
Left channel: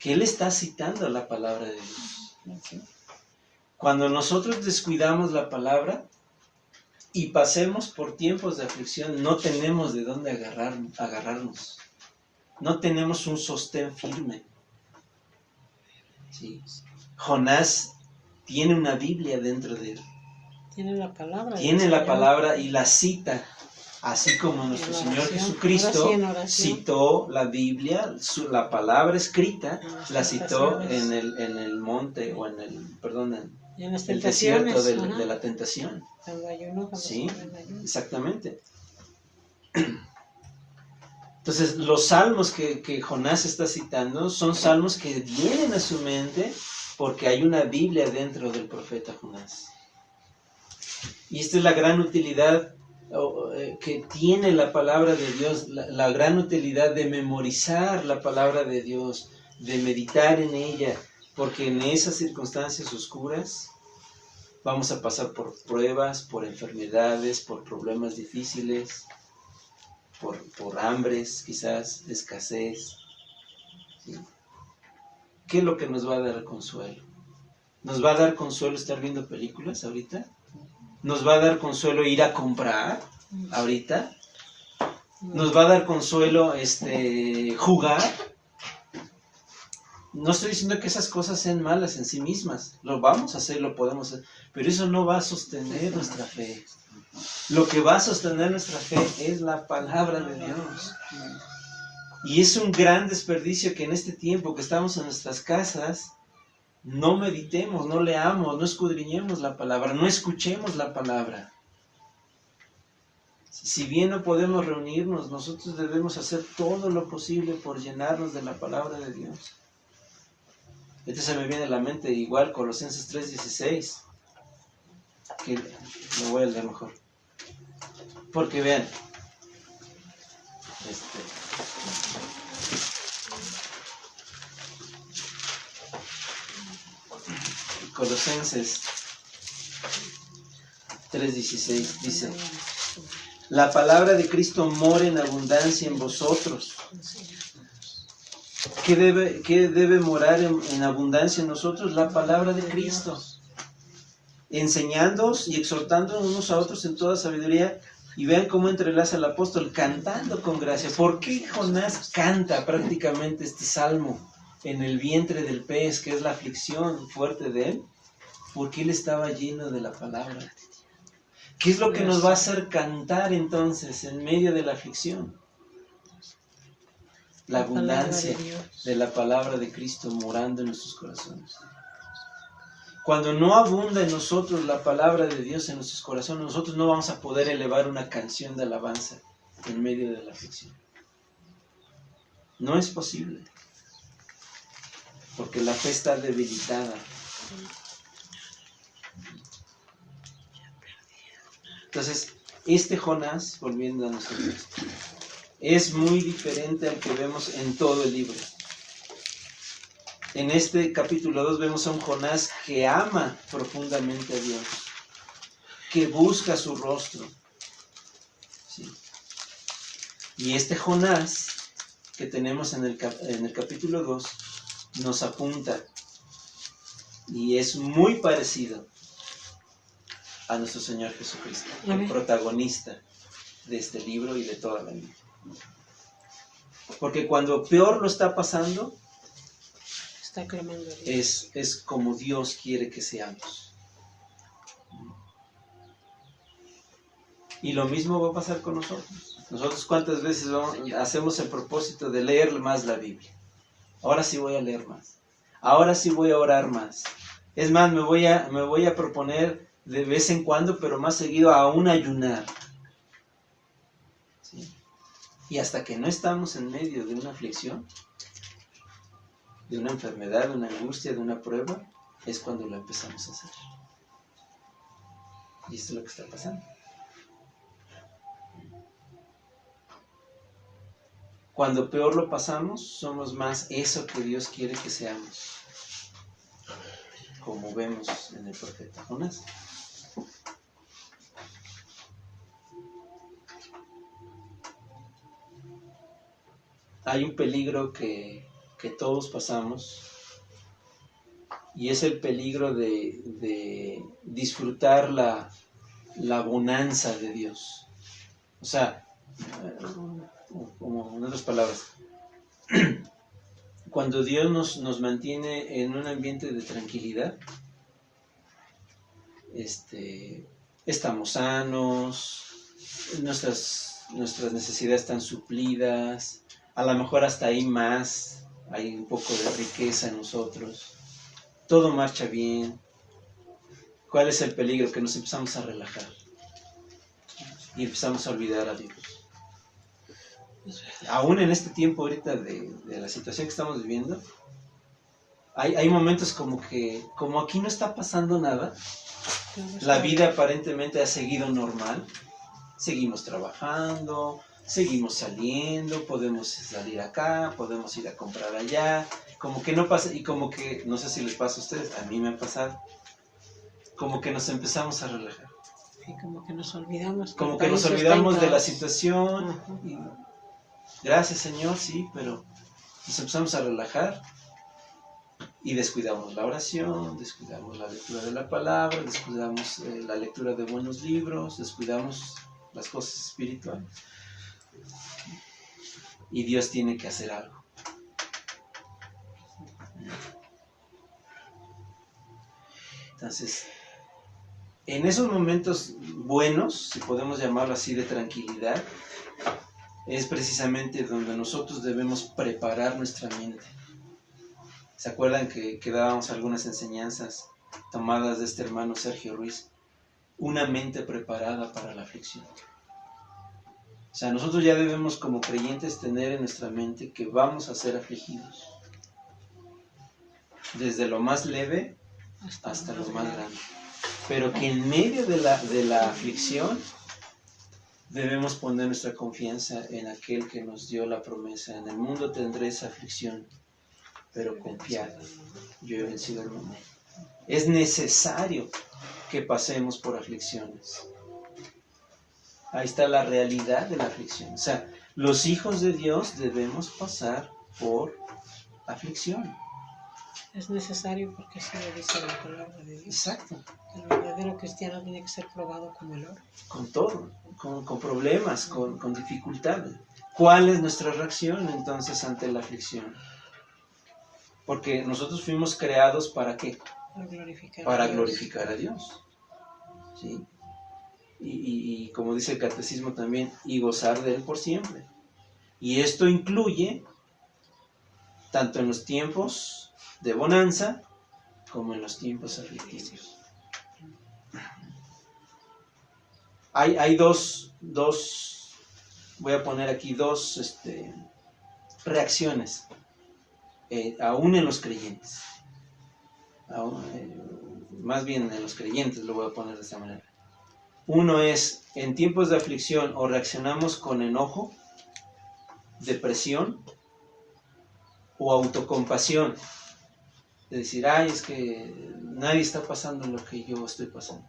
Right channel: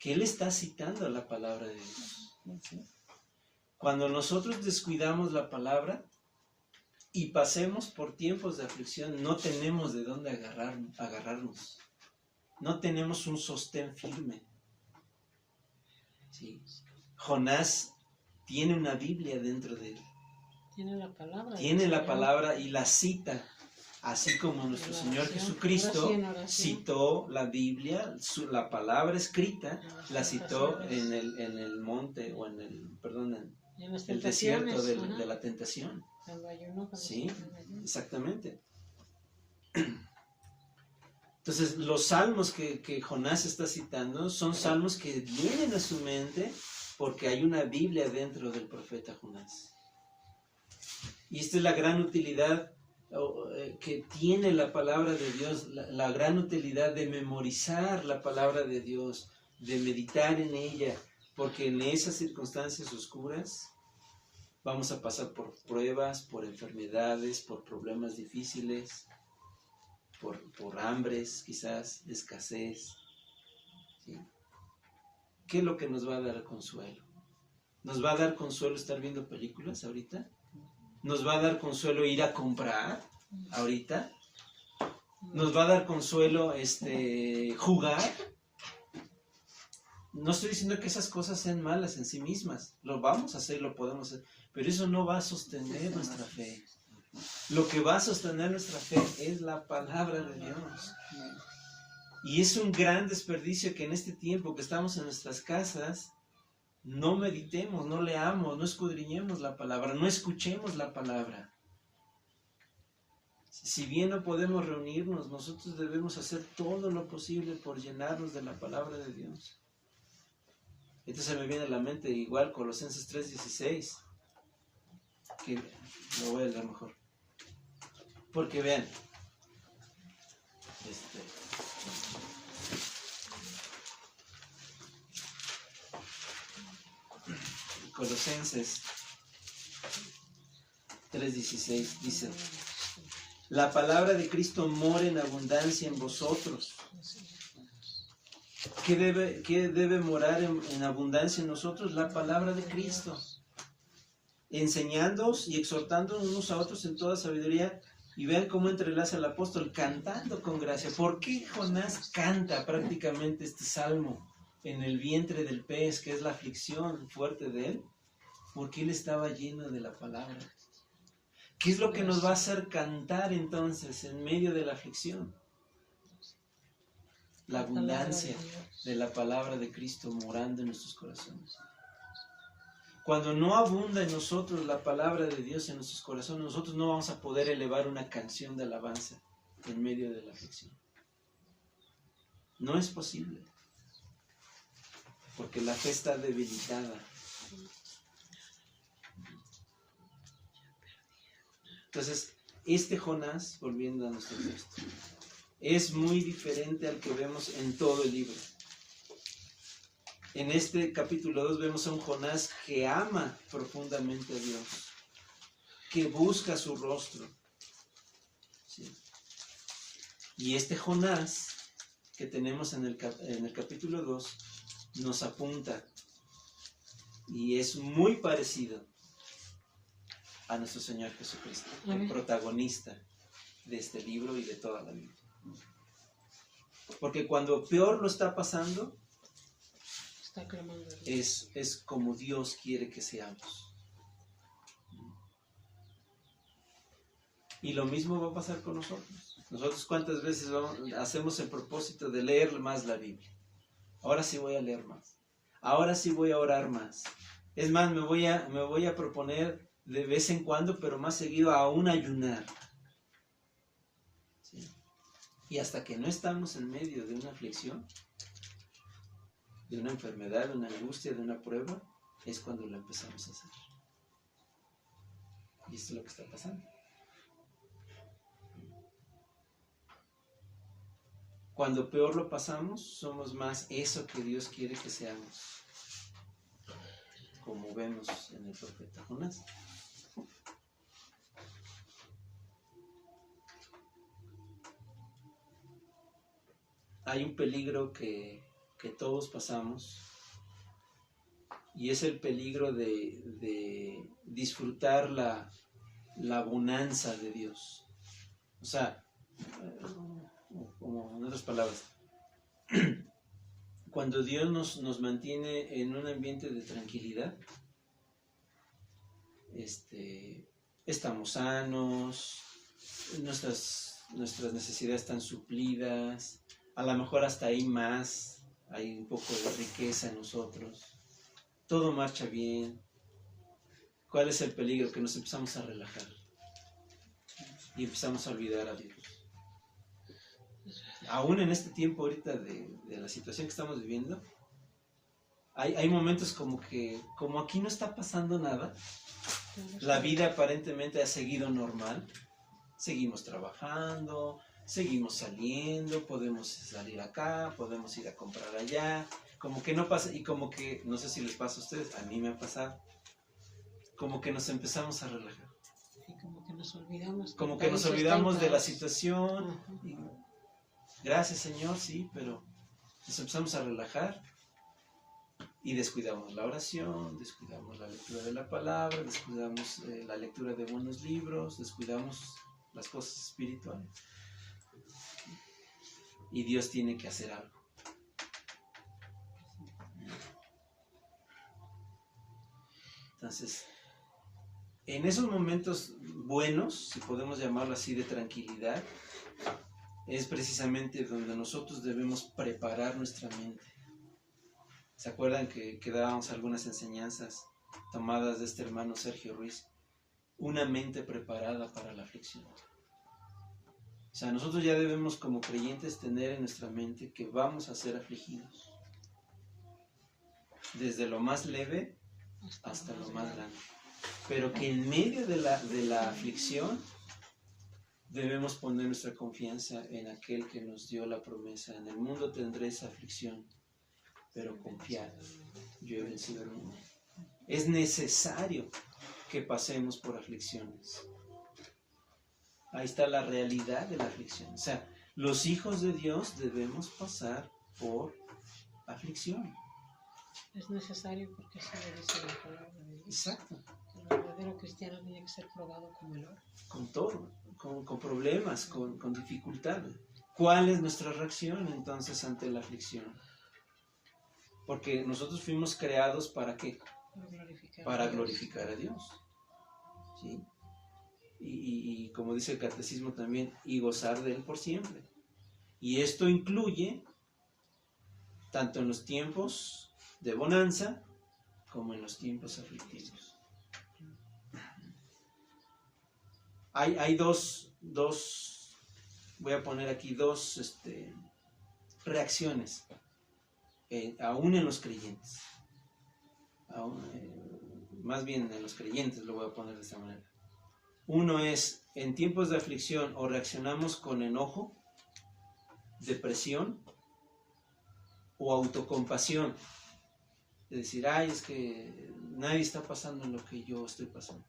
que él está citando la palabra de Dios. Cuando nosotros descuidamos la palabra y pasemos por tiempos de aflicción, no tenemos de dónde agarrarnos. No tenemos un sostén firme. ¿Sí? Jonás tiene una Biblia dentro de él. Tiene la palabra. Tiene la palabra y la cita, así como nuestro Señor Jesucristo citó la Biblia, la palabra escrita, la citó en el monte, o en el desierto de la tentación. Sí, exactamente. Entonces, los salmos que Jonás está citando son salmos que vienen a su mente porque hay una Biblia dentro del profeta Jonás. Y esta es la gran utilidad que tiene la palabra de Dios, la gran utilidad de memorizar la palabra de Dios, de meditar en ella, porque en esas circunstancias oscuras vamos a pasar por pruebas, por enfermedades, por problemas difíciles, por hambres, quizás, escasez. ¿Sí? ¿Qué es lo que nos va a dar consuelo? ¿Nos va a dar consuelo estar viendo películas ahorita? ¿Nos va a dar consuelo ir a comprar ahorita? ¿Nos va a dar consuelo jugar? No estoy diciendo que esas cosas sean malas en sí mismas. Lo vamos a hacer, lo podemos hacer. Pero eso no va a sostener nuestra fe. Lo que va a sostener nuestra fe es la palabra de Dios. Y es un gran desperdicio que en este tiempo que estamos en nuestras casas, no meditemos, no leamos, no escudriñemos la palabra, no escuchemos la palabra. Si bien no podemos reunirnos, nosotros debemos hacer todo lo posible por llenarnos de la palabra de Dios. Se me viene a la mente igual Colosenses 3:16, que lo voy a leer mejor. Porque vean, Colosenses 3:16 dice: la palabra de Cristo mora en abundancia en vosotros. ¿Qué debe morar en abundancia en nosotros? La palabra de Cristo. Enseñándoos y exhortando unos a otros en toda sabiduría. Y vean cómo entrelaza el apóstol, cantando con gracia. ¿Por qué Jonás canta prácticamente este salmo en el vientre del pez, que es la aflicción fuerte de él? Porque él estaba lleno de la palabra. ¿Qué es lo que nos va a hacer cantar entonces en medio de la aflicción? La abundancia de la palabra de Cristo morando en nuestros corazones. Cuando no abunda en nosotros la palabra de Dios en nuestros corazones, nosotros no vamos a poder elevar una canción de alabanza en medio de la aflicción. No es posible. Porque la fe está debilitada. Entonces, este Jonás, volviendo a nuestro texto, es muy diferente al que vemos en todo el libro. En este capítulo 2 vemos a un Jonás que ama profundamente a Dios, que busca su rostro. ¿Sí? Y este Jonás que tenemos en el capítulo 2 nos apunta y es muy parecido a nuestro Señor Jesucristo, el protagonista de este libro y de toda la Biblia. Porque cuando peor lo está pasando, está clamando a Dios. Es como Dios quiere que seamos. Y lo mismo va a pasar con nosotros. Nosotros cuántas veces hacemos el propósito de leer más la Biblia. Ahora sí voy a leer más. Ahora sí voy a orar más. Es más, me voy a proponer de vez en cuando, pero más seguido, aún ayunar. ¿Sí? Y hasta que no estamos en medio de una aflicción, de una enfermedad, de una angustia, de una prueba, es cuando lo empezamos a hacer. Y esto es lo que está pasando. Cuando peor lo pasamos, somos más eso que Dios quiere que seamos, como vemos en el profeta Jonás. Hay un peligro que todos pasamos, y es el peligro de disfrutar la bonanza de Dios. O sea, como en otras palabras, cuando Dios nos mantiene en un ambiente de tranquilidad, estamos sanos, nuestras necesidades están suplidas, a lo mejor hasta hay más, hay un poco de riqueza en nosotros, todo marcha bien. ¿Cuál es el peligro? Que nos empezamos a relajar y empezamos a olvidar a Dios. Aún en este tiempo ahorita de la situación que estamos viviendo, hay momentos como aquí no está pasando nada, la vida aparentemente ha seguido normal, seguimos trabajando, seguimos saliendo, podemos salir acá, podemos ir a comprar allá, como que no pasa, y como que, no sé si les pasa a ustedes, a mí me ha pasado, como que nos empezamos a relajar. Y como que nos olvidamos. Como que nos olvidamos de la situación. Y, gracias Señor, sí, pero nos empezamos a relajar y descuidamos la oración, descuidamos la lectura de la palabra, descuidamos la lectura de buenos libros, descuidamos las cosas espirituales. Y Dios tiene que hacer algo. Entonces, en esos momentos buenos, si podemos llamarlo así, de tranquilidad, es precisamente donde nosotros debemos preparar nuestra mente. ¿Se acuerdan que dábamos algunas enseñanzas tomadas de este hermano Sergio Ruiz? Una mente preparada para la aflicción. O sea, nosotros ya debemos como creyentes tener en nuestra mente que vamos a ser afligidos. Desde lo más leve hasta lo más grande. Pero que en medio de la aflicción debemos poner nuestra confianza en aquel que nos dio la promesa. En el mundo tendréis aflicción, pero confiad, yo he vencido el mundo. Es necesario que pasemos por aflicciones. Ahí está la realidad de la aflicción. O sea, los hijos de Dios debemos pasar por aflicción. Es necesario porque así lo dice la palabra de Dios. Exacto. El verdadero cristiano tiene que ser probado como el oro. Con todo, con problemas, con dificultades. ¿Cuál es nuestra reacción entonces ante la aflicción? Porque nosotros fuimos creados ¿para qué? Para glorificar a Dios. ¿Sí? Y como dice el catecismo también, y gozar de Él por siempre. Y esto incluye tanto en los tiempos de bonanza como en los tiempos aflictivos. Hay dos, voy a poner aquí dos reacciones, aún en los creyentes. Más bien en los creyentes lo voy a poner de esta manera. Uno es, en tiempos de aflicción, o reaccionamos con enojo, depresión o autocompasión. De decir, ay, es que nadie está pasando lo que yo estoy pasando.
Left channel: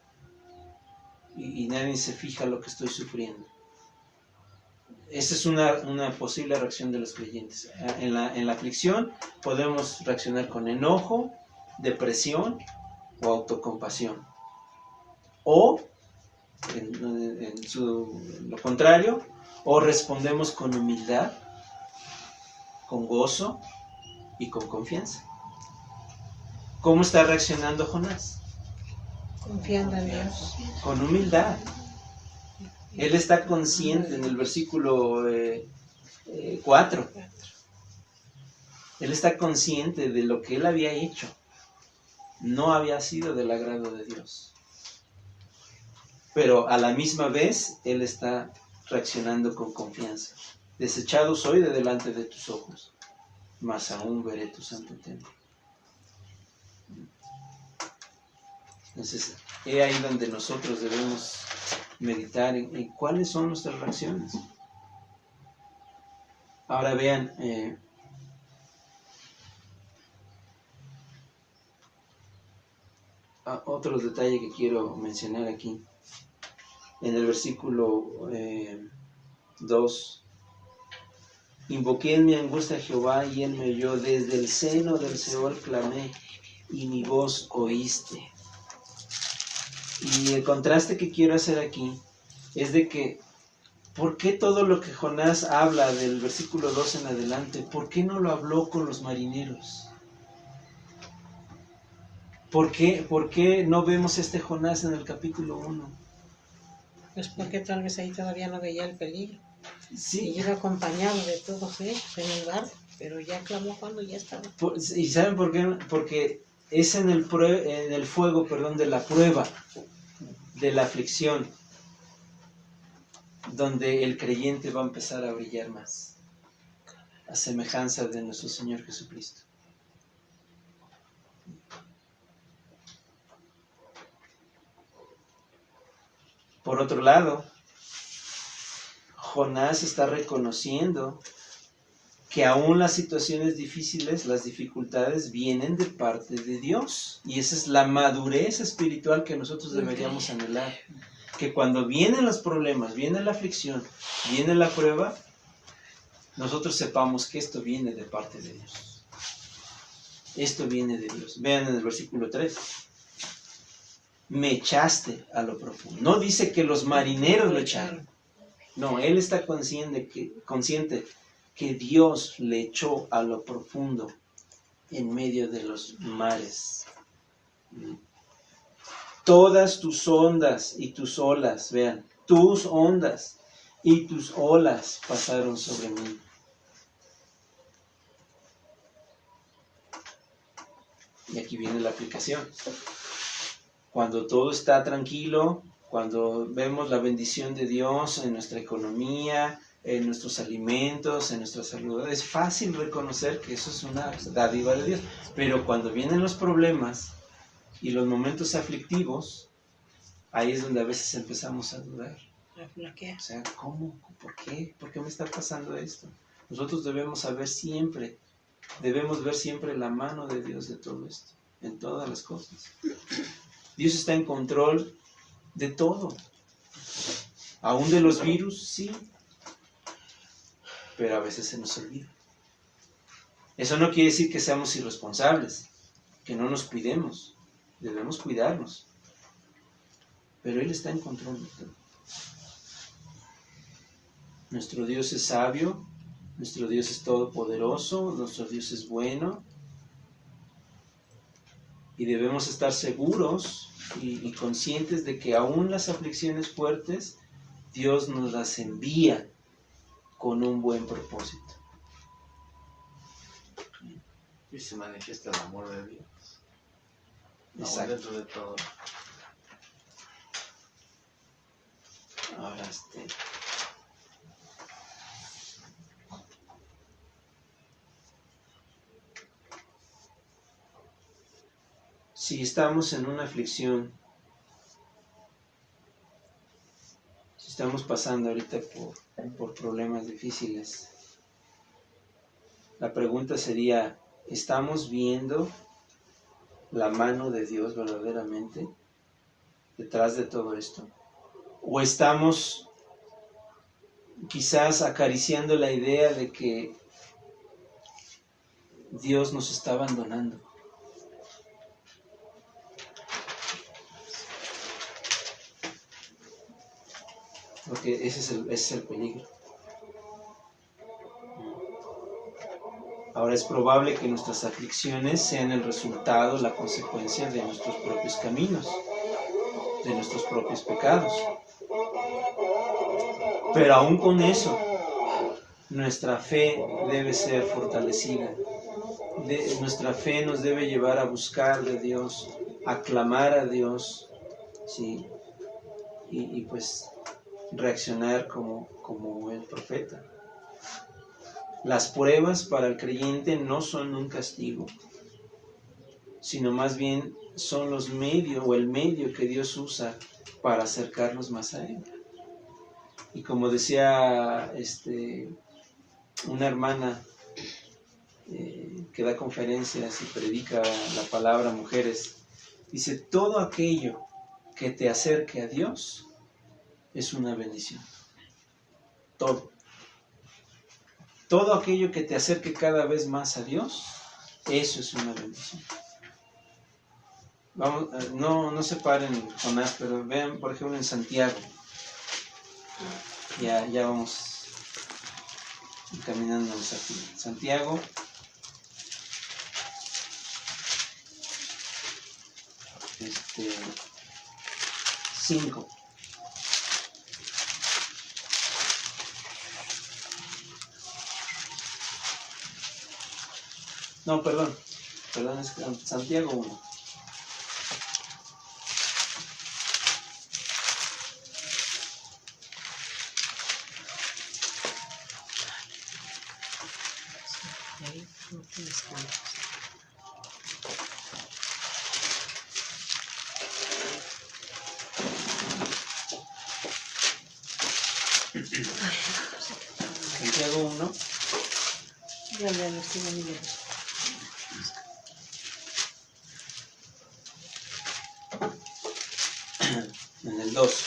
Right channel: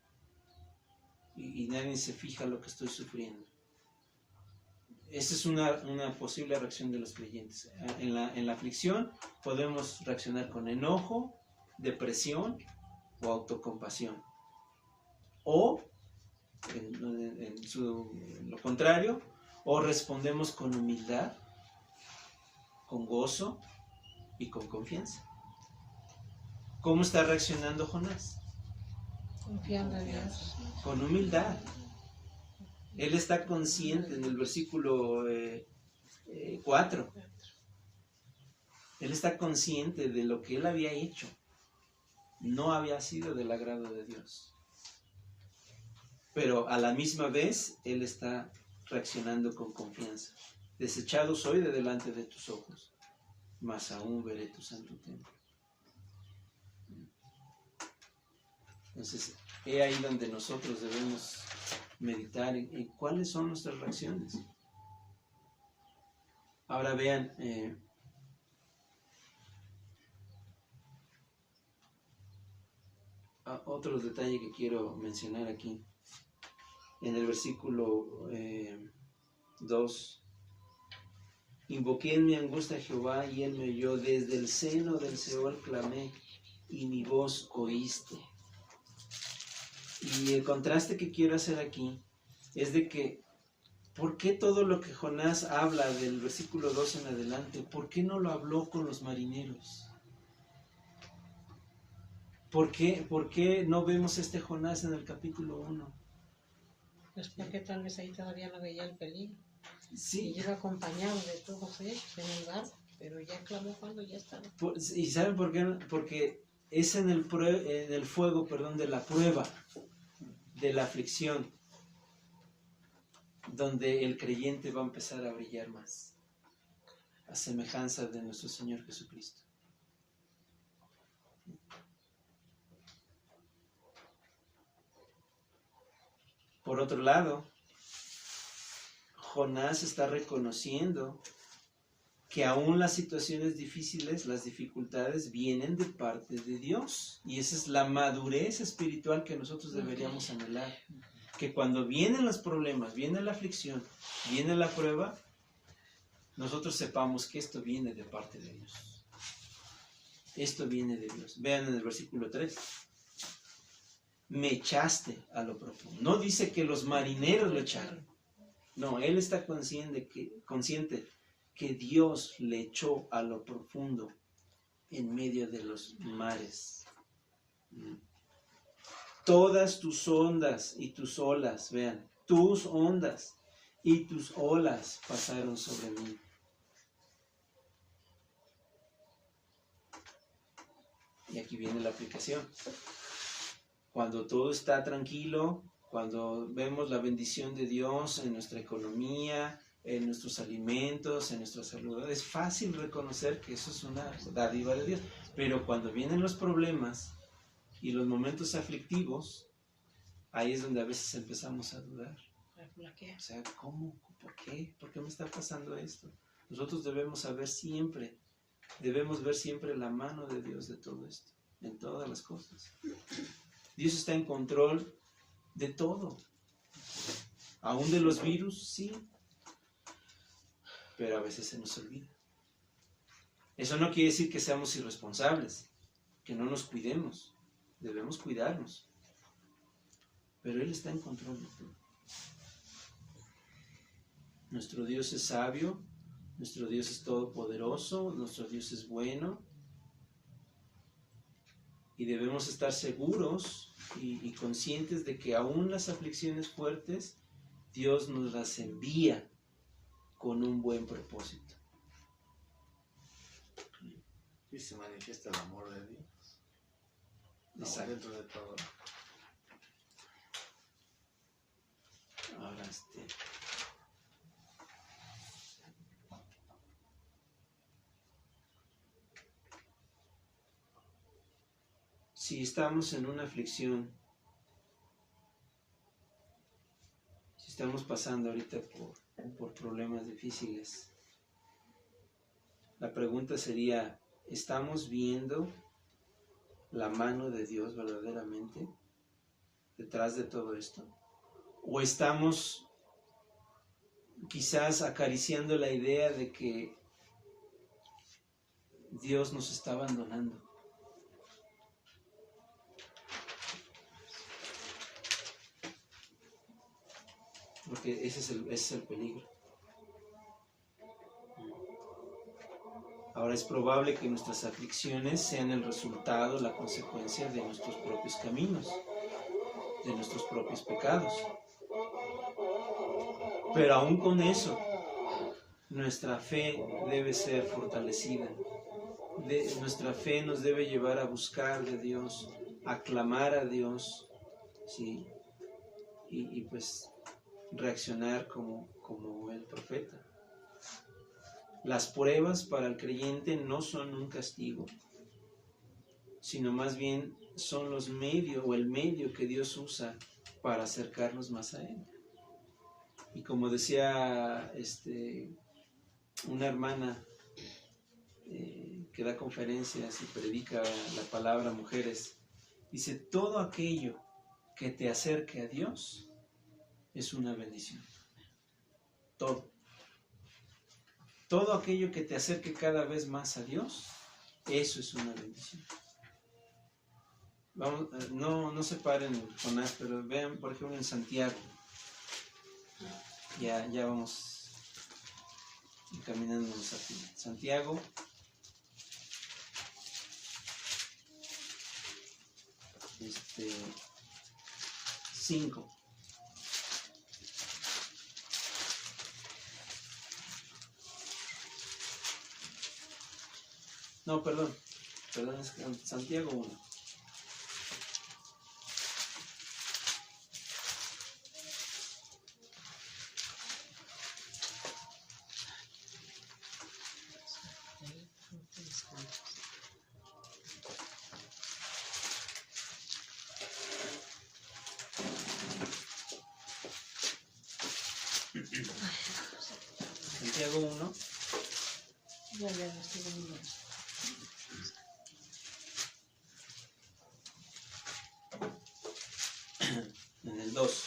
Y nadie se fija lo que estoy sufriendo. Esa es una posible reacción de los creyentes. En la aflicción podemos reaccionar con enojo, depresión o autocompasión. O, lo contrario, o respondemos con humildad, con gozo y con confianza. ¿Cómo está reaccionando Jonás? Confiando en Dios. Con humildad. Él está consciente en el versículo 4. Él está consciente de lo que él había hecho. No había sido del agrado de Dios. Pero a la misma vez, él está reaccionando con confianza. Desechado soy de delante de tus ojos, mas aún veré tu santo templo. Entonces, es ahí donde nosotros debemos meditar en cuáles son nuestras reacciones. Ahora vean, otro detalle que quiero mencionar aquí. En el versículo 2, invoqué en mi angustia a Jehová y él me oyó, desde el seno del Seol clamé y mi voz oíste. Y el contraste que quiero hacer aquí es de que, ¿por qué todo lo que Jonás habla del versículo 2 en adelante, por qué no lo habló con los marineros? ¿Por qué no vemos este Jonás en el capítulo 1? Pues porque tal vez ahí todavía no veía el peligro. Sí. Y iba acompañado de todos ellos en el barco, pero ya clamó cuando ya estaba. ¿Y saben por qué? Porque es en el fuego, de la prueba, de la aflicción, donde el creyente va a empezar a brillar más, a semejanza de nuestro Señor Jesucristo. Por otro lado, Jonás está reconociendo que aún las situaciones difíciles, las dificultades vienen de parte de Dios. Y esa es la madurez espiritual que nosotros deberíamos anhelar. Que cuando vienen los problemas, viene la aflicción, viene la prueba, nosotros sepamos que esto viene de parte de Dios. Esto viene de Dios. Vean en el versículo 3. Me echaste a lo profundo. No dice que los marineros lo echaron. No, él está consciente que Dios le echó a lo profundo en medio de los mares. Todas tus ondas y tus olas, vean, tus ondas y tus olas pasaron sobre mí. Y aquí viene la aplicación. Cuando todo está tranquilo, cuando vemos la bendición de Dios en nuestra economía, en nuestros alimentos, en nuestra salud, es fácil reconocer que eso es una dádiva de Dios. Pero cuando vienen los problemas y los momentos aflictivos, ahí es donde a veces empezamos a dudar. O sea, ¿cómo? ¿Por qué? ¿Por qué me está pasando esto? Nosotros debemos ver siempre la mano de Dios de todo esto, en todas las cosas. Dios está en control de todo. Aún de los virus, sí. Pero a veces se nos olvida. Eso no quiere decir que seamos irresponsables, que no nos cuidemos. Debemos cuidarnos. Pero Él está en control de todo. Nuestro Dios es sabio, nuestro Dios es todopoderoso, nuestro Dios es bueno. Y debemos estar seguros y conscientes de que aún las aflicciones fuertes, Dios nos las envía con un buen propósito. Y se manifiesta el amor de Dios. Exacto. Dentro de todo. Ahora, si estamos en una aflicción, si estamos pasando ahorita por problemas difíciles, la pregunta sería, ¿estamos viendo la mano de Dios verdaderamente detrás de todo esto? ¿O estamos quizás acariciando la idea de que Dios nos está abandonando? Porque ese es el peligro. Ahora es probable que nuestras aflicciones sean el resultado, la consecuencia de nuestros propios caminos, de nuestros propios pecados. Pero aún con eso, nuestra fe debe ser fortalecida. Nuestra fe nos debe llevar a buscar de Dios, a clamar a Dios, ¿sí? Y pues reaccionar como el profeta. Las pruebas para el creyente no son un castigo, sino más bien son los medios o el medio que Dios usa para acercarnos más a Él. Y como decía una hermana que da conferencias y predica la palabra a mujeres, dice, todo aquello que te acerque a Dios es una bendición. Todo aquello que te acerque cada vez más a Dios, eso es una bendición. Vamos, no se paren, Jonás, pero vean, por ejemplo, en Santiago. Ya vamos caminándonos aquí. Santiago. Este 5. No, perdón, es Santiago 1. Santiago 1. Ya lo estoy viendo. En el 2.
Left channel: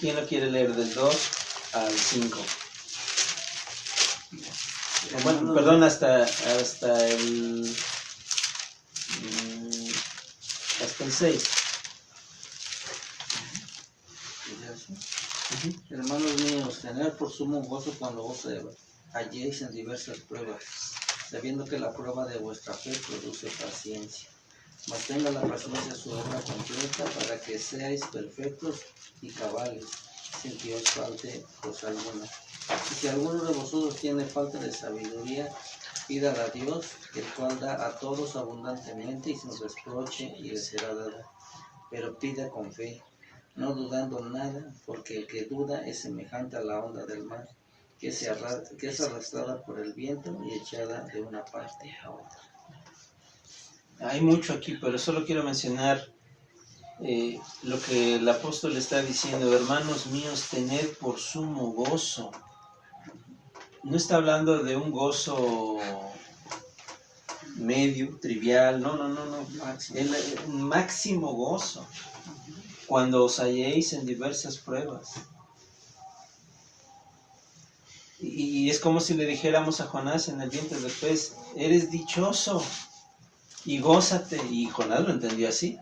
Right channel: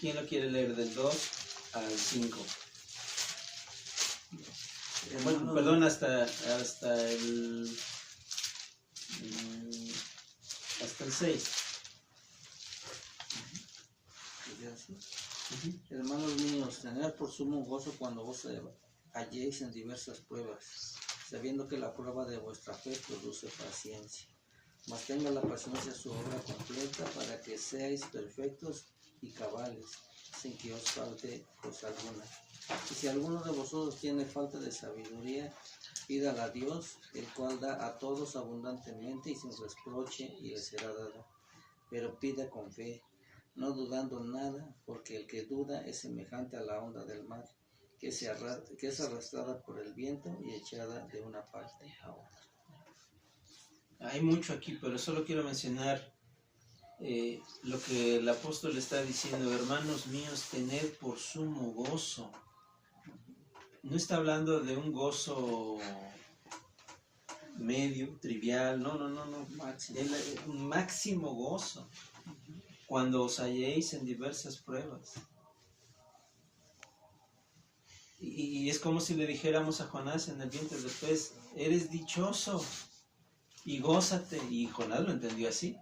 ¿Quién lo quiere leer del 2 al 5? Bueno, perdón, hasta el 6. Hermanos míos, tened por sumo gozo cuando os halléis en diversas pruebas, sabiendo que la prueba de vuestra fe produce paciencia. Mas tenga la paciencia su obra completa, para que seáis perfectos y cabales, sin que os falte cosa alguna. Y si alguno de vosotros tiene falta de sabiduría, pídala a Dios, el cual da a todos abundantemente y sin reproche, y le será dada. Pero pida con fe, no dudando nada, porque el que duda es semejante a la onda del mar, que es arrastrada por el viento y echada de una parte a otra. Hay mucho aquí, pero solo quiero mencionar lo que el apóstol está diciendo. Hermanos míos, tened por sumo gozo. No está hablando de un gozo medio, trivial, no. El máximo gozo. Cuando os halléis en diversas pruebas. Y es como si le dijéramos a Jonás en el vientre del pez, eres dichoso y gózate. Y Jonás lo entendió así.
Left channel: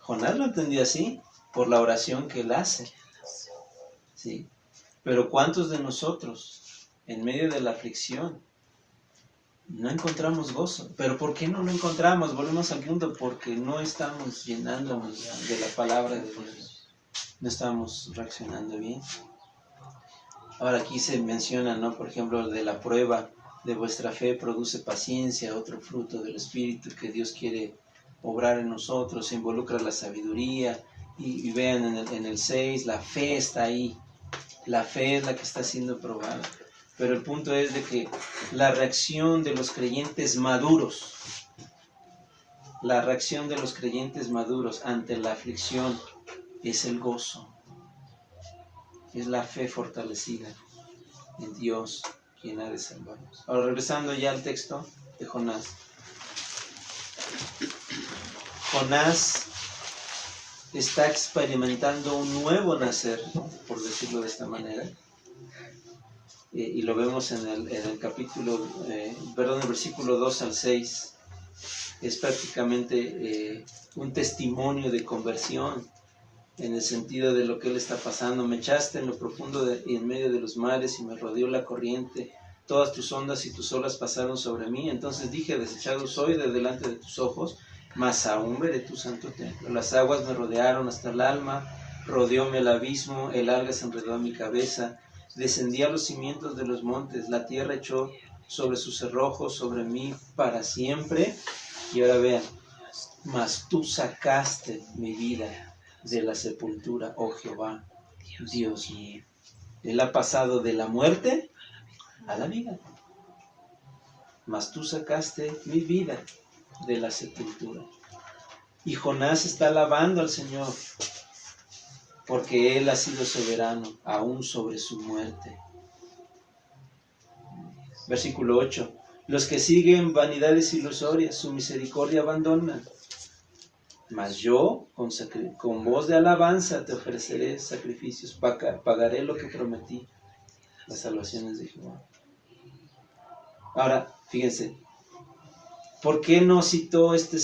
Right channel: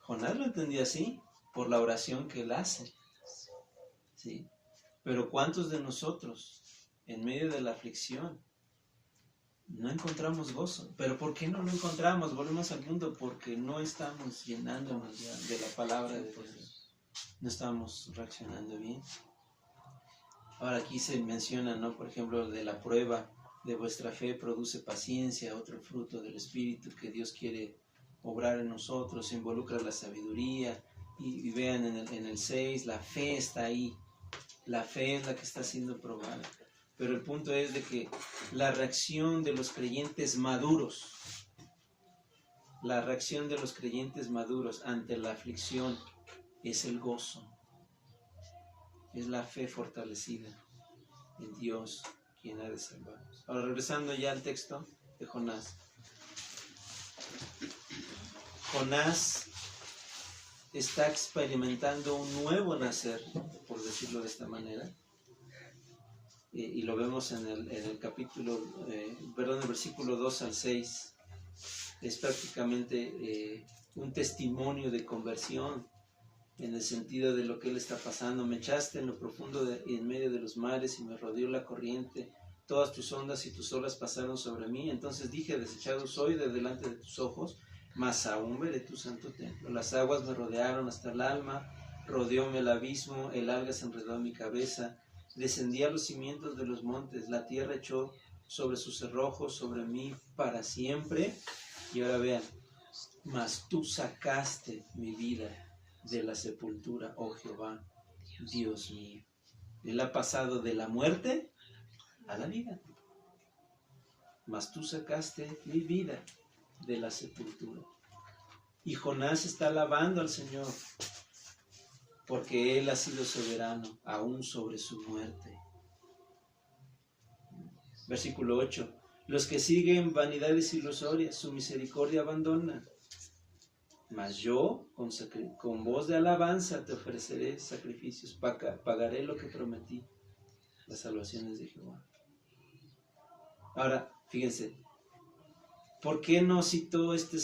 Jonás lo entendió así por la oración que él hace. ¿Sí? Pero ¿cuántos de nosotros en medio de la aflicción no encontramos gozo? ¿Pero por qué no lo encontramos? Volvemos al punto, porque no estamos llenándonos de la palabra de Dios. No estamos reaccionando bien. Ahora aquí se menciona, ¿no? Por ejemplo, de la prueba de vuestra fe produce paciencia, otro fruto del Espíritu que Dios quiere obrar en nosotros, se involucra la sabiduría, y vean en el 6, la fe está ahí, la fe es la que está siendo probada, pero el punto es de que la reacción de los creyentes maduros, ante la aflicción es el gozo, es la fe fortalecida en Dios, quien ha de salvarnos. Ahora, regresando ya al texto de Jonás. Jonás está experimentando un nuevo nacer, por decirlo de esta manera, y lo vemos en el capítulo, el versículo 2 al 6, es prácticamente un testimonio de conversión, en el sentido de lo que él está pasando. Me echaste en lo profundo y en medio de los mares, y me rodeó la corriente, todas tus ondas y tus olas pasaron sobre mí. Entonces dije, desechado soy de delante de tus ojos, mas aún veré tu santo templo. Las aguas me rodearon hasta el alma, rodeóme el abismo, el alga se enredó a mi cabeza, descendí a los cimientos de los montes, la tierra echó sobre sus cerrojos, sobre mí para siempre. Y ahora vean, mas tú sacaste mi vida de la sepultura, oh Jehová, Dios mío. Él ha pasado de la muerte a la vida. Mas tú sacaste mi vida de la sepultura. Y Jonás está alabando al Señor, porque Él ha sido soberano aún sobre su muerte. Versículo 8. Los que siguen vanidades ilusorias, su misericordia abandonan. Mas yo, con voz de alabanza, te ofreceré sacrificios, pagaré lo que prometí, las salvaciones de Jehová. Ahora, fíjense, ¿por qué no citó este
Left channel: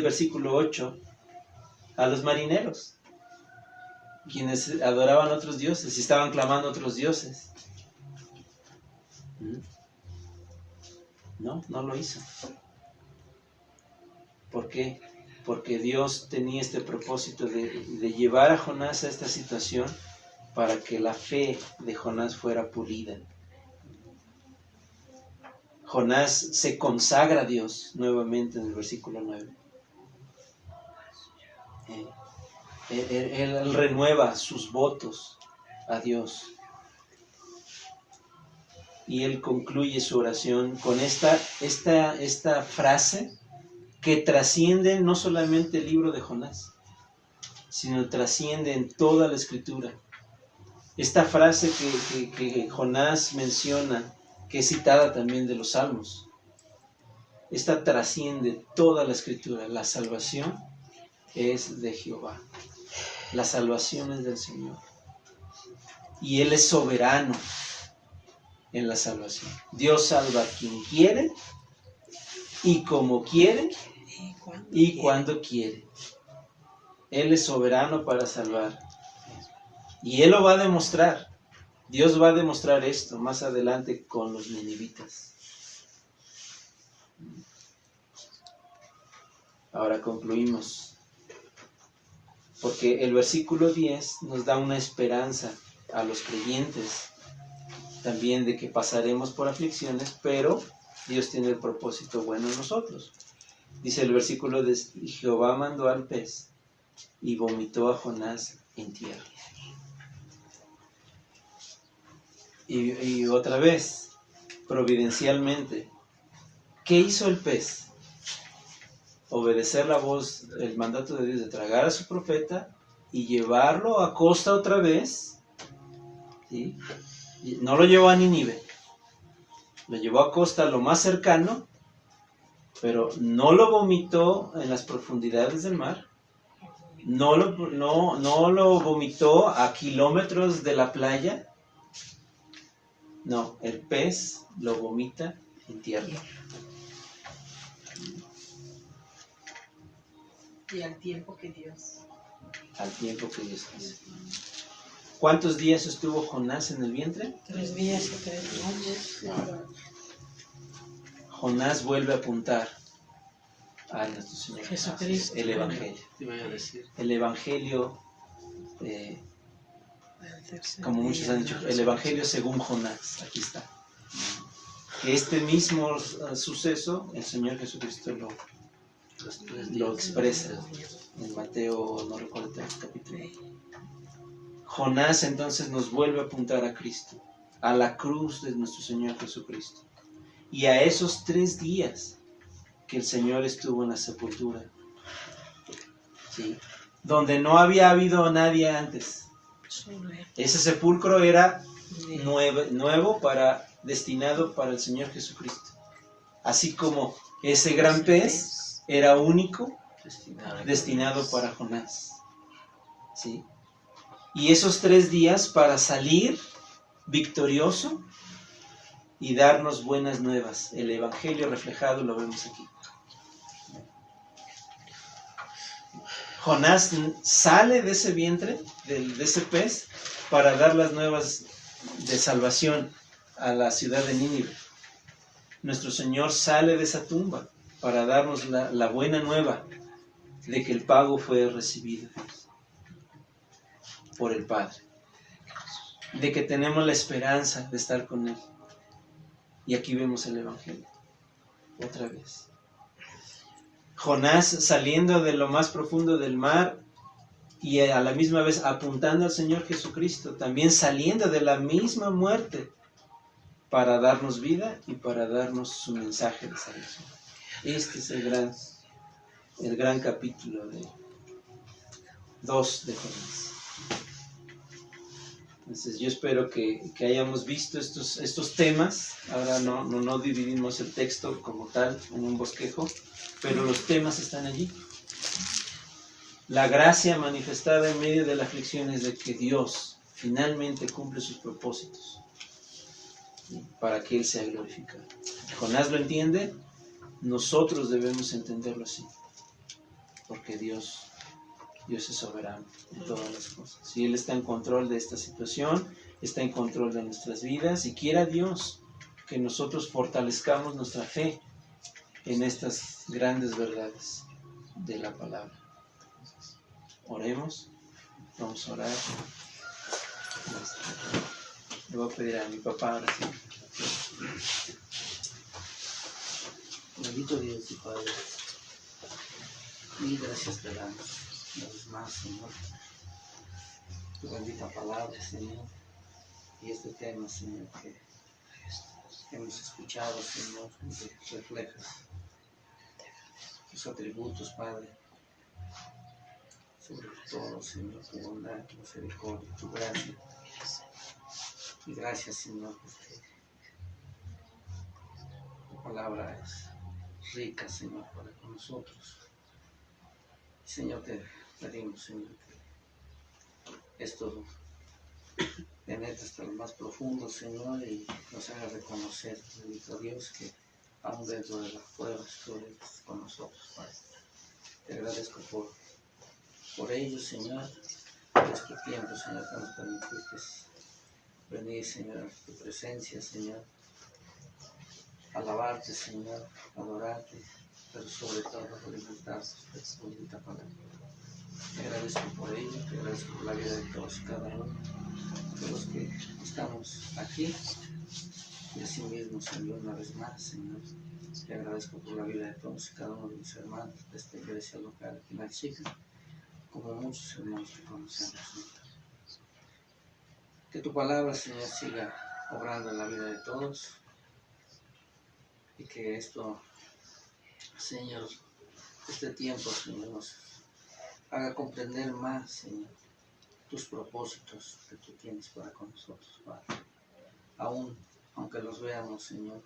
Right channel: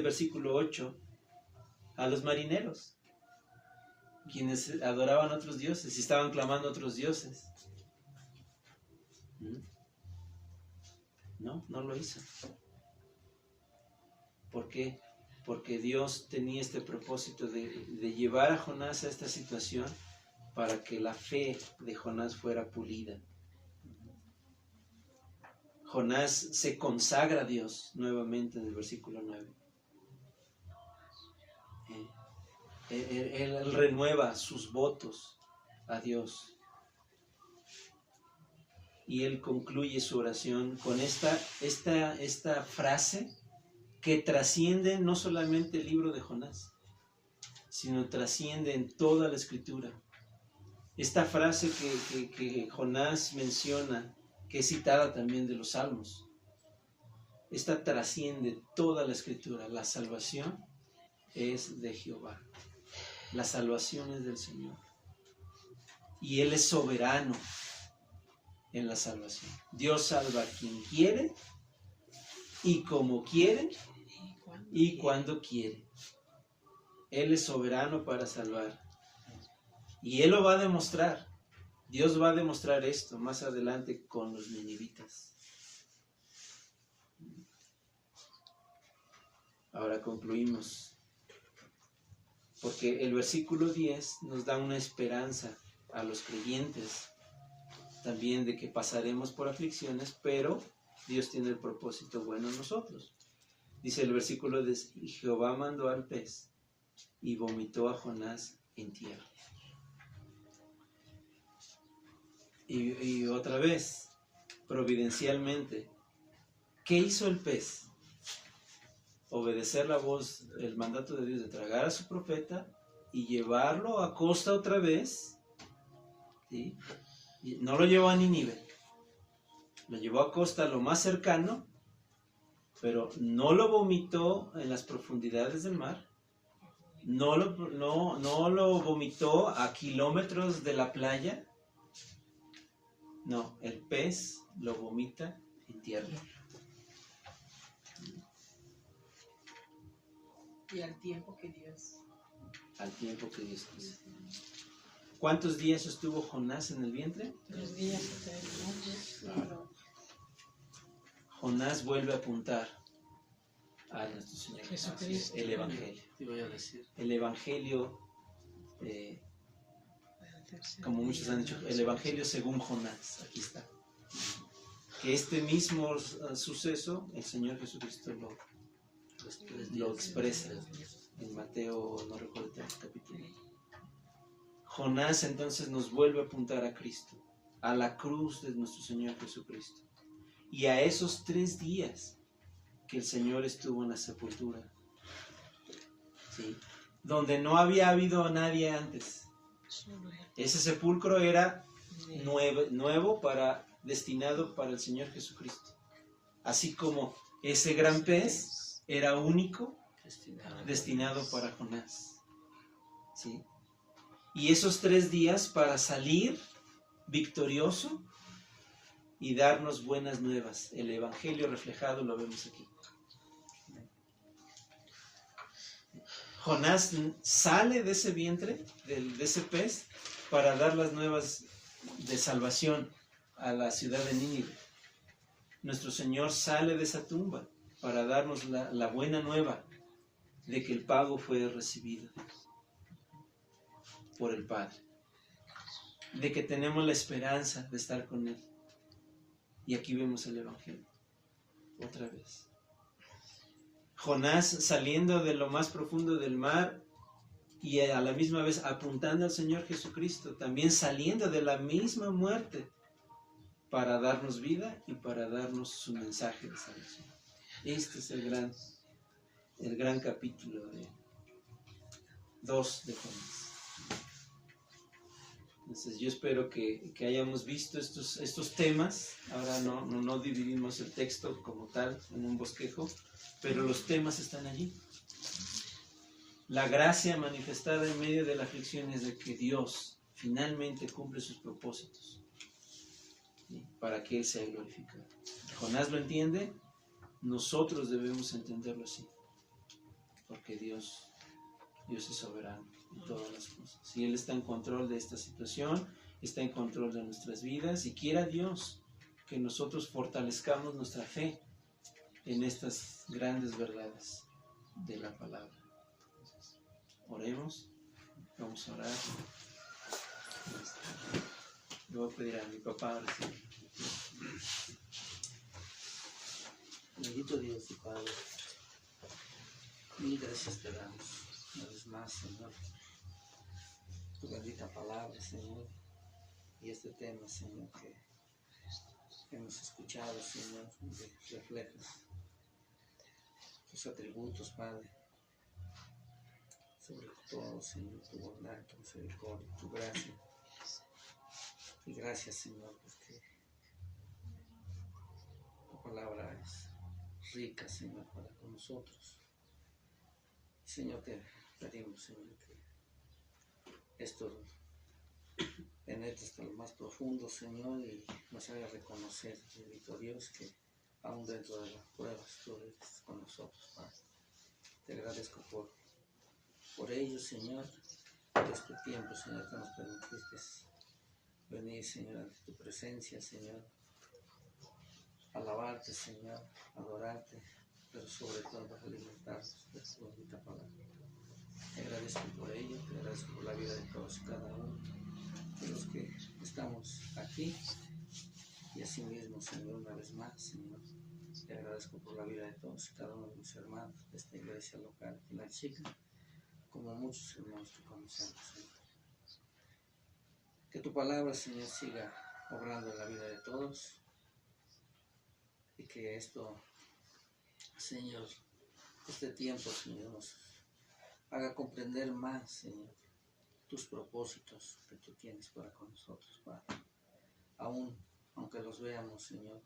versículo 8, a los marineros, quienes adoraban otros dioses y estaban clamando a otros dioses? No lo hizo. ¿Por qué? Porque Dios tenía este propósito de llevar a Jonás a esta situación para que la fe de Jonás fuera pulida. Jonás se consagra a Dios nuevamente en el versículo 9. Él renueva sus votos a Dios. Y él concluye su oración con esta frase que trasciende no solamente el libro de Jonás, sino trasciende en toda la Escritura. Esta frase que Jonás menciona, que es citada también de los Salmos, esta trasciende toda la Escritura. La salvación es de Jehová. La salvación es del Señor. Y Él es soberano en la salvación. Dios salva a quien quiere, y como quiere, y cuando quiere. Él es soberano para salvar. Y Él lo va a demostrar. Dios va a demostrar esto más adelante con los ninivitas. Ahora concluimos. Porque el versículo 10 nos da una esperanza a los creyentes también de que pasaremos por aflicciones, pero Dios tiene el propósito bueno en nosotros. Dice el versículo de Jehová mandó al pez y vomitó a Jonás en tierra. Y otra vez, providencialmente, ¿qué hizo el pez? Obedecer la voz, el mandato de Dios de tragar a su profeta y llevarlo a costa otra vez. ¿Sí? No lo llevó a Nínive, lo llevó a costa lo más cercano, pero no lo vomitó en las profundidades del mar, no lo vomitó a kilómetros de la playa. No, el pez lo vomita en tierra. Y al tiempo que Dios. Al tiempo que Dios quiso. ¿Cuántos días estuvo Jonás en el vientre? 3 días y 3 noches. Jonás vuelve a apuntar a nuestro Señor Jesucristo. El Evangelio. Te iba a decir. El Evangelio como muchos han dicho, el Evangelio según Jonás, aquí está. Que este mismo suceso, el Señor Jesucristo lo expresa en Mateo, no recuerdo el capítulo. Jonás entonces nos vuelve a apuntar a Cristo, a la cruz de nuestro Señor Jesucristo, y a esos 3 días que el Señor estuvo en la sepultura, ¿sí? Donde no había habido nadie antes. Ese sepulcro era nuevo, destinado para el Señor Jesucristo. Así como ese gran pez era único, destinado para Jonás. ¿Sí? Y esos 3 días para salir victorioso y darnos buenas nuevas. El Evangelio reflejado lo vemos aquí. Jonás sale de ese vientre, de ese pez, para dar las nuevas de salvación a la ciudad de Nínive. Nuestro Señor sale de esa tumba para darnos la buena nueva de que el pago fue recibido por el Padre, de que tenemos la esperanza de estar con Él. Y aquí vemos el Evangelio, otra vez. Jonás saliendo de lo más profundo del mar y a la misma vez apuntando al Señor Jesucristo, también saliendo de la misma muerte para darnos vida y para darnos su mensaje de salvación. Este es el gran capítulo 2 de Jonás. Entonces yo espero que hayamos visto estos temas. Ahora no dividimos el texto como tal en un bosquejo, pero los temas están allí. La gracia manifestada en medio de la aflicción es de que Dios finalmente cumple sus propósitos, ¿sí? Para que Él sea glorificado. Jonás lo entiende, nosotros debemos entenderlo así, porque Dios es soberano en todas las cosas. Y Él está en control de esta situación, está en control de nuestras vidas, y quiera Dios que nosotros fortalezcamos nuestra fe en estas grandes verdades de la palabra. Entonces, oremos, vamos a orar. Le voy a pedir a mi papá ahora sí. Bendito Dios y Padre, mil gracias te damos una vez más, Señor, tu bendita palabra, Señor, y este tema, Señor, que hemos escuchado, Señor, que refleja tus atributos, Padre, sobre todo, Señor, tu bondad, tu misericordia, tu gracia. Y gracias, Señor, porque tu palabra es rica, Señor, para con nosotros. Señor, te pedimos, Señor, que esto penetre hasta lo más profundo, Señor, y nos haga reconocer, bendito Dios, que aún dentro de las pruebas tú eres con nosotros, Padre. Te agradezco por ello, Señor, por este tiempo, Señor, que nos permitiste venir, Señor, a tu presencia, Señor, alabarte, Señor, adorarte, pero sobre todo alimentarnos de tu bendita palabra. Te agradezco por ello, te agradezco por la vida de todos y cada uno de los que estamos aquí, y así mismo, Señor, una vez más, Señor, te agradezco por la vida de todos y cada uno de mis hermanos de esta iglesia local aquí en La Chica, como muchos hermanos que conocemos, Señor. Que tu palabra, Señor, siga obrando en la vida de todos, y que esto, Señor, este tiempo, Señor, nos haga comprender más, Señor, tus propósitos que tú tienes para con nosotros, Padre. Aunque los veamos, Señor,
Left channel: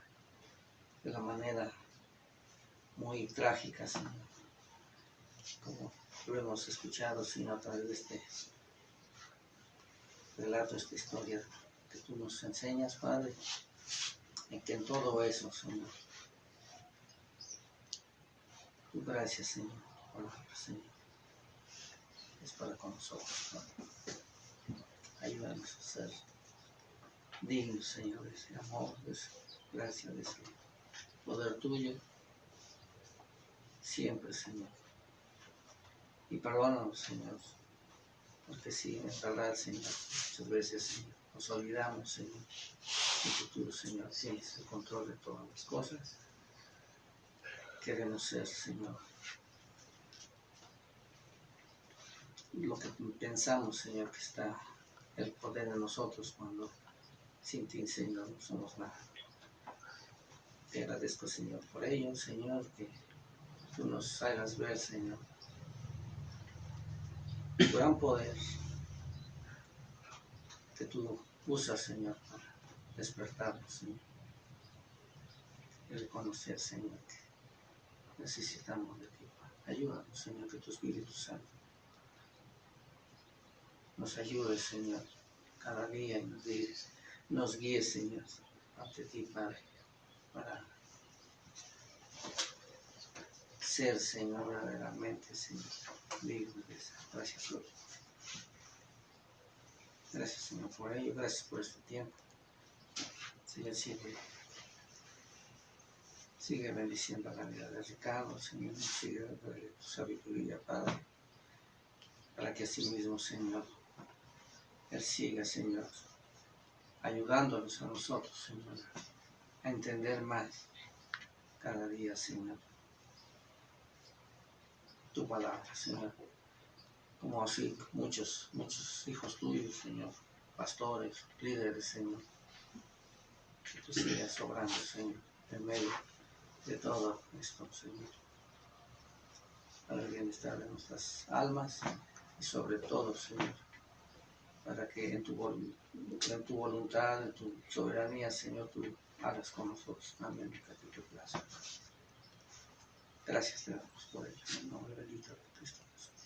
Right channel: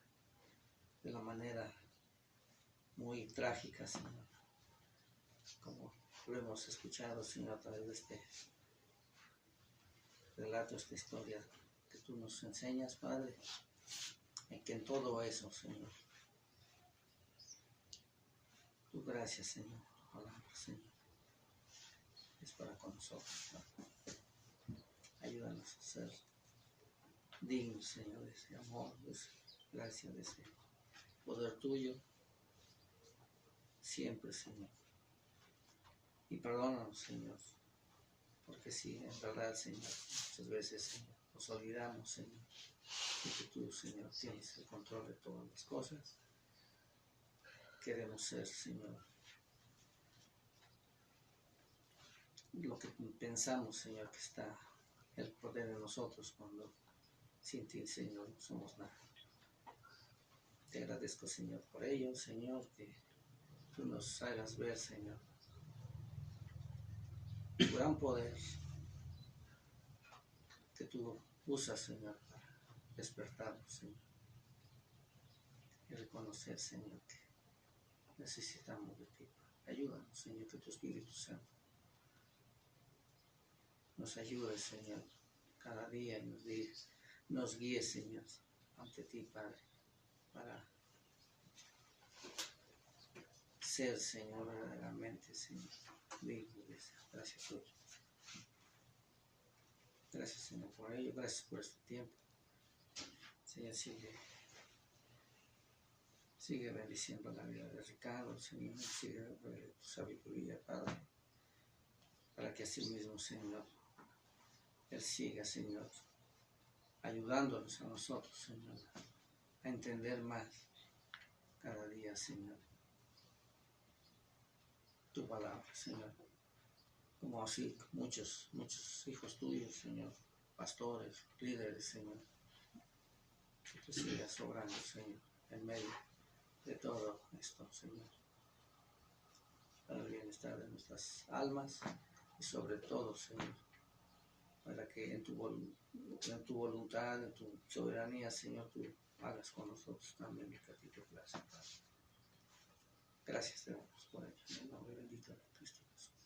de la manera muy trágica, Señor, como lo hemos escuchado, Señor, a través de este relato, esta historia que tú nos enseñas, Padre, en que en todo eso, Señor, tu gracia, Señor, tu palabra, Señor, es para con nosotros, Padre. Ayúdanos a ser dignos, Señor, de ese amor, de esa gracia, de ese poder tuyo, siempre, Señor. Y perdónanos, Señor, porque sí, en verdad, Señor, muchas veces, Señor, nos olvidamos, Señor, de que tú, Señor, tienes el control de todas las cosas. Queremos ser, Señor, lo que pensamos, Señor, que está el poder en nosotros cuando sin ti, Señor, no somos nada. Te agradezco, Señor, por ello, Señor, que tú nos hagas ver, Señor, tu gran poder que tú usas, Señor, para despertarnos, Señor, y reconocer, Señor, que necesitamos de ti. Ayúdanos, Señor, que tu Espíritu Santo nos ayude, Señor, cada día y nos guíe, Señor, ante ti, Padre, para ser, Señor, verdaderamente, Señor, digno de esa gracia tuya. Gracias, Señor, por ello, gracias por este tiempo. Señor, sigue bendiciendo la vida de Ricardo, Señor, sigue dándole tu sabiduría, Padre, para que así mismo, Señor, Él siga, Señor, ayudándonos a nosotros, Señor, a entender más cada día, Señor, tu palabra, Señor, como así muchos hijos tuyos, Señor, pastores, líderes, Señor, que tú sigas obrando, Señor, en medio de todo esto, Señor, para el bienestar de nuestras almas y sobre todo, Señor, para que en tu voluntad, en tu soberanía, Señor, tú hagas con nosotros también lo que a ti te place. Gracias te damos por ello, en el nombre bendito de Cristo Jesús.